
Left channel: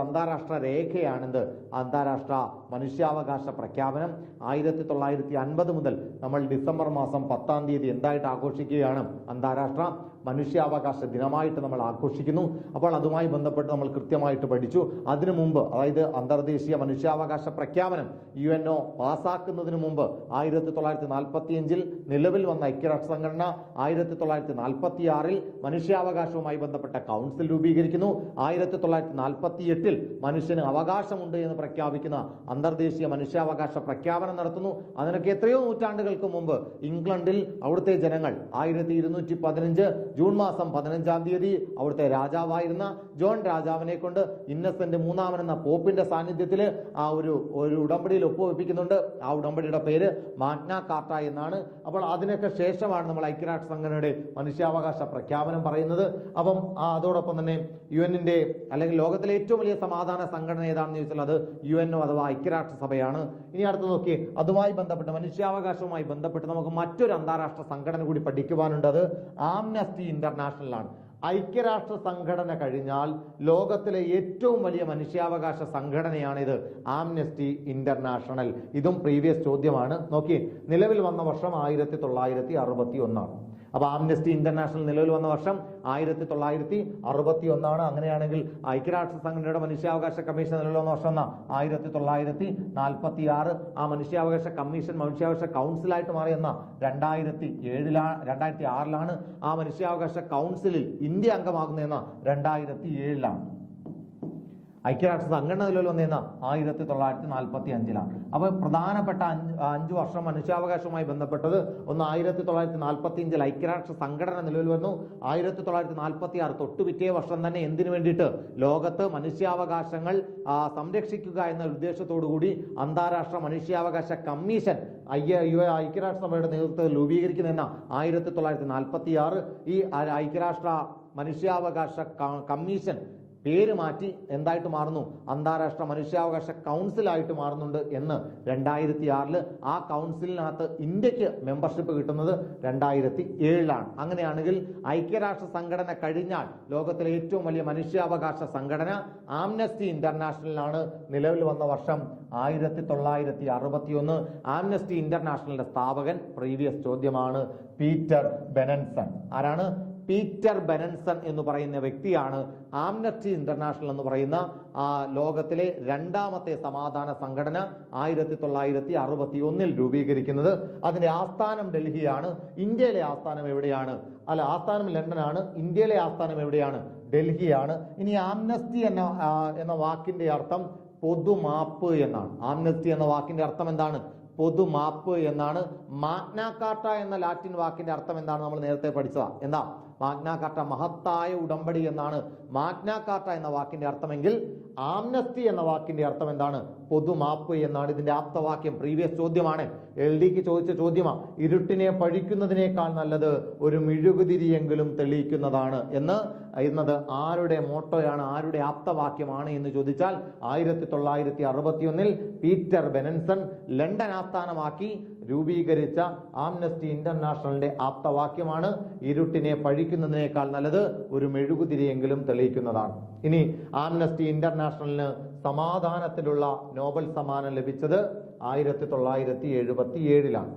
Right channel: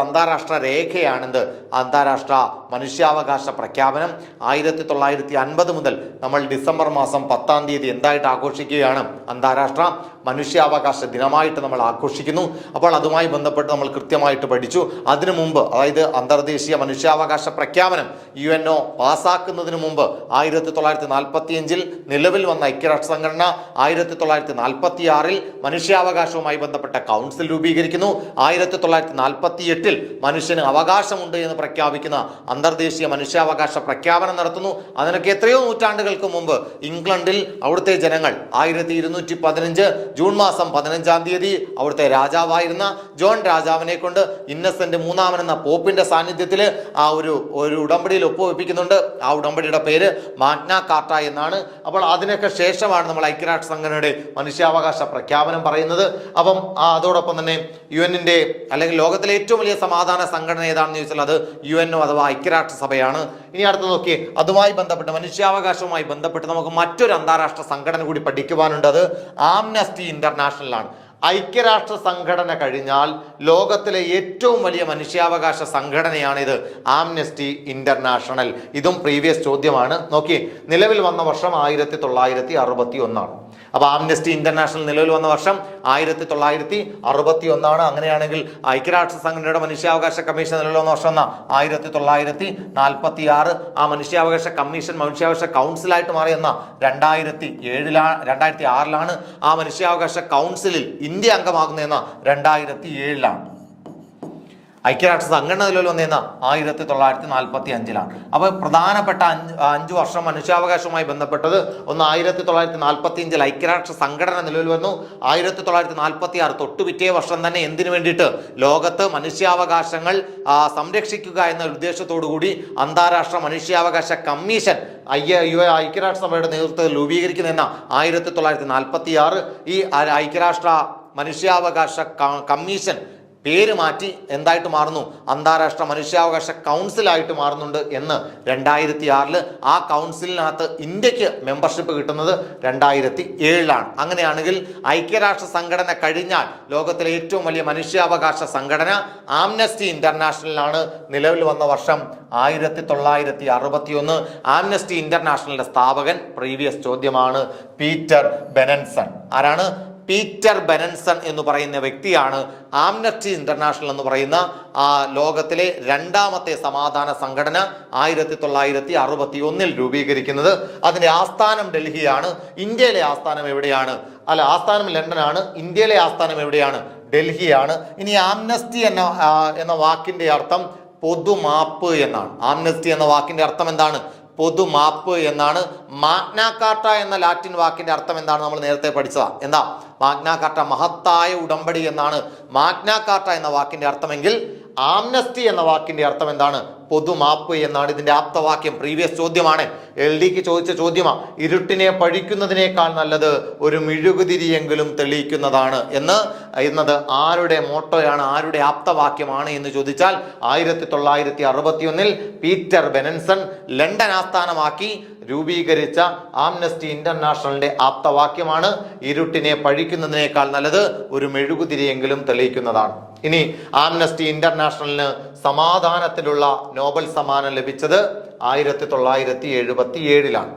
അന്താരാഷ്ട്ര രേഖയാണിത്. അന്താരാഷ്ട്ര മനുഷ്യാവകാശ പ്രഖ്യാപനം 1950 മുതൽ നമ്മൾ ഡിസംബർ മാസം 10-ാം തീയതി എന്തായിട്ട് ആഘോഷിക്കുകയാണ്? അന്താരാഷ്ട്ര മനുഷ്യാവകാശ ദിനമായിട്ട് നമ്മൾ ആഘോഷിക്കുന്നു. അപ്പോൾ അതുമായി ബന്ധപ്പെട്ട് നമ്മൾ കൃത്യമായിട്ട് പഠിച്ചു. അതിനു മുമ്പ്, അതായത് അന്തർദേശീയ മനുഷ്യാവകാശ പ്രഖ്യാപനം UNO പാസ്സാക്കുന്നതിന് മുമ്പ് 1945 നിലവിൽ വന്ന ഐക്യരാഷ്ട്ര സംഘടന 1946 മനുഷ്യാവകാശവുമായി ബന്ധപ്പെട്ട കൗൺസിൽ രൂപീകരിക്കുന്നു. 1948 മനുഷ്യന് അവകാശമുണ്ട് എന്ന് പ്രഖ്യാപിക്കുന്ന അന്തർദേശീയ മനുഷ്യാവകാശ പ്രഖ്യാപനം നടത്തുന്നു. അതിനൊക്കെ എത്രയോ നൂറ്റാണ്ടുകൾക്ക് മുമ്പ് ഇംഗ്ലണ്ടിൽ അവിടുത്തെ ജനങ്ങൾ 1215 ജൂൺ മാസം 15-ാം തീയതി അവിടുത്തെ രാജാവായിരുന്ന ജോൺ രാജാവിനെ കൊണ്ട് ഇന്നസെന്റ് മൂന്നാമൻ എന്ന പോപ്പിന്റെ സാന്നിധ്യത്തിൽ ഒരു ഉടമ്പടിയിൽ ഒപ്പുവെപ്പിക്കുന്നുണ്ട്. ആ ഉടമ്പടിയുടെ പേര് മാഗ്ന കാർട്ട എന്നാണ്. അപ്പോൾ അതിനൊക്കെ ശേഷമാണ് നമ്മൾ ഐക്യരാഷ്ട്ര സംഘടനയുടെ മനുഷ്യാവകാശ പ്രഖ്യാപനം പറയുന്നത്. അപ്പം അതോടൊപ്പം തന്നെ UN അല്ലെങ്കിൽ ലോകത്തിലെ ഏറ്റവും വലിയ സമാധാന സംഘടന ഏതാണെന്ന് ചോദിച്ചാൽ അത് UNO അഥവാ ഐക്യരാഷ്ട്രസഭയാണ്. ഇനി അടുത്ത് നോക്കി, അതുമായി ബന്ധപ്പെട്ട് മനുഷ്യാവകാശവുമായി ബന്ധപ്പെട്ട് നമുക്ക് മറ്റൊരു അന്താരാഷ്ട്ര സംഘടന കൂടി പഠിക്കുവാനുണ്ട്. അത് ആംനസ്റ്റി ഇന്റർനാഷണൽ ആണ്. ഐക്യരാഷ്ട്ര സംഘടന കഴിഞ്ഞാൽ ലോകത്തിലെ ഏറ്റവും വലിയ മനുഷ്യാവകാശ സംഘടനയാണിത്, ആംനസ്റ്റി ഇന്റർനാഷണൽ. ഇതും പ്രീവിയസ് ചോദ്യമാണ്. നോക്കി, നിലവിൽ വന്ന വർഷം 1961 ആണ്. അപ്പോൾ ആംനസ്റ്റി ഇന്റർനാഷണൽ നിലവിൽ വന്ന വർഷം 1961 ആണ്. അങ്ങനെയാണെങ്കിൽ ഐക്യരാഷ്ട്ര സംഘടനയുടെ മനുഷ്യാവകാശ കമ്മീഷൻ നിലവിൽ വന്ന വർഷം 1946. ആ മനുഷ്യാവകാശ കമ്മീഷൻ മനുഷ്യാവകാശ കൗൺസിലായിട്ട് മാറിയെന്ന 2006 ആ മനുഷ്യാവകാശ കൗൺസിലിൽ ഇന്ത്യ അംഗമാകുന്നതെന്ന 2007. ഐക്യരാഷ്ട്ര സംഘടന നിലവിൽ വന്നിരുന്ന 1945. അപ്പോൾ പ്രധാനപ്പെട്ട 5 വർഷം മനുഷ്യാവകാശവുമായി ബന്ധപ്പെട്ടത് ഒന്ന്, 1945 ഐക്യരാഷ്ട്ര സംഘടന നിലവിൽ വന്നു. 1946 തൊട്ടുപിറ്റേ വർഷം തന്നെ എന്തിനു വേണ്ടിയിട്ട്? ലോകത്ത് മനുഷ്യാവകാശങ്ങൾ സംരക്ഷിക്കുക എന്ന ഉദ്ദേശത്തോടു കൂടി അന്താരാഷ്ട്ര മനുഷ്യാവകാശ കമ്മീഷൻ ഐക്യരാഷ്ട്രസഭയുടെ നേതൃത്വത്തിൽ രൂപീകരിക്കുന്നതെന്ന 1946. ഈ ഐക്യരാഷ്ട്ര മനുഷ്യാവകാശ കമ്മീഷൻ പേര് മാറ്റി എന്തായിട്ട് മാറുന്നു? അന്താരാഷ്ട്ര മനുഷ്യാവകാശ കൗൺസിലായിട്ട് മാറുന്നുണ്ട് എന്ന് 2006. ആ കൗൺസിലിനകത്ത് ഇന്ത്യക്ക് മെമ്പർഷിപ്പ് കിട്ടുന്നത് 2007. അങ്ങനെയാണെങ്കിൽ ഐക്യരാഷ്ട്ര സംഘടന കഴിഞ്ഞാൽ ലോകത്തിലെ ഏറ്റവും വലിയ മനുഷ്യാവകാശ സംഘടന ആംനസ്റ്റി ഇന്റർനാഷണലാണ്. നിലവിൽ വന്ന വർഷം 1961. ആംനസ്റ്റി ഇന്റർനാഷണലിന്റെ സ്ഥാപകൻ പ്രീവിയസ് ചോദ്യമാണ് പീറ്റർ ബെനൻസൺ. ആരാണ്? പീറ്റർ ബെനൻസൺ എന്ന് പറയുന്ന വ്യക്തിയാണ് ആംനസ്റ്റി ഇന്റർനാഷണൽ എന്ന് പറയുന്ന ലോകത്തിലെ രണ്ടാമത്തെ സമാധാന സംഘടന 1961 രൂപീകരിക്കുന്നത്. അതിന്റെ ആസ്ഥാനം ഡൽഹിയാണ്. ഇന്ത്യയിലെ ആസ്ഥാനം എവിടെയാണ്? ആസ്ഥാനം ലണ്ടനാണ്. ഇന്ത്യയിലെ ആസ്ഥാനം എവിടെയാണ്? ഡൽഹിയാണ്. ഇനി ആംനസ്റ്റി എന്ന വാക്കിന്റെ അർത്ഥം പൊതുമാപ്പ് എന്നാണ്. ആംനസ്റ്റി എന്ന വാക്കിന്റെ അർത്ഥം എന്താണ്? പൊതുമാപ്പ് എന്നാണ്. മാഗ്ന കാർട്ട എന്ന ലാറ്റിൻ വാക്കിന്റെ അർത്ഥം എന്താണ്? നമ്മൾ നേരത്തെ പഠിച്ചതാ. എന്താ മാഗ്ന കാർട്ട? മഹത്തായ ഉടമ്പടി എന്നാണ് മാഗ്ന കാർട്ട എന്ന വാക്കിന്റെ അർത്ഥമെങ്കിൽ ആംനസ്റ്റി എന്ന വാക്കിന്റെ അർത്ഥം എന്താണ്? പൊതുമാപ്പ് എന്നാണ്. ഇതിന്റെ ആപ്തവാക്യം പ്രീവിയസ് ചോദ്യമാണ്. LDക്ക് ചോദിച്ച ചോദ്യമാണ്. ഇരുട്ടിനെ പഴിക്കുന്നതിനേക്കാൾ നല്ലത് ഒരു മെഴുകുതിരിയെങ്കിലും തെളിയിക്കുന്നതാണ് എന്നത് ആരുടെ മോട്ടോയാണ്, ആരുടെ ആപ്തവാക്യമാണ് എന്ന് ചോദിച്ചാൽ 1961 പീറ്റർ ബെനൻസൺ ലണ്ടൻ ആസ്ഥാനമാക്കി രൂപീകരിച്ച ആംനസ്റ്റി ഇന്റർനാഷണലിന്റെ ആപ്തവാക്യമാണ് ഇരുട്ടിനെ പഴിക്കുന്നതിനേക്കാൾ നല്ലത് ഒരു മെഴുകുതിരിയെങ്കിലും തെളിയിക്കുന്നതാണ്. ഇനി ആംനസ്റ്റി ഇന്റർനാഷണലിന് സമാധാനത്തിലുള്ള നോബൽ സമ്മാനം ലഭിച്ചത് 1977-ലാണ്.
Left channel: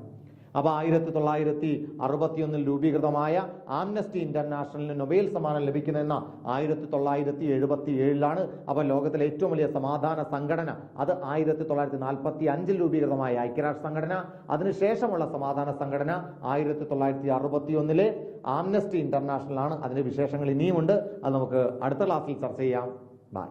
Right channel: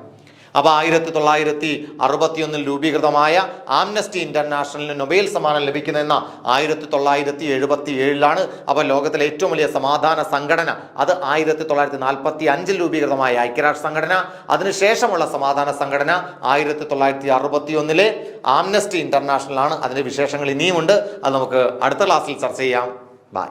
അപ്പോൾ 1961 രൂപീകൃതമായ ആംനസ്റ്റി ഇന്റർനാഷണലിന് നൊബേൽ സമ്മാനം ലഭിക്കുന്നതെന്ന 1977-ലാണ്. അപ്പോൾ ലോകത്തിലെ ഏറ്റവും വലിയ സമാധാന സംഘടന അത് 1945 രൂപീകൃതമായ ഐക്യരാഷ്ട്ര സംഘടന. അതിനുശേഷമുള്ള സമാധാന സംഘടന 1961 ആംനസ്റ്റി ഇന്റർനാഷണൽ ആണ്. അതിന്റെ വിശേഷങ്ങൾ ഇനിയുമുണ്ട്. അത് നമുക്ക് അടുത്ത ക്ലാസ്സിൽ ചർച്ച ചെയ്യാം. ബൈ.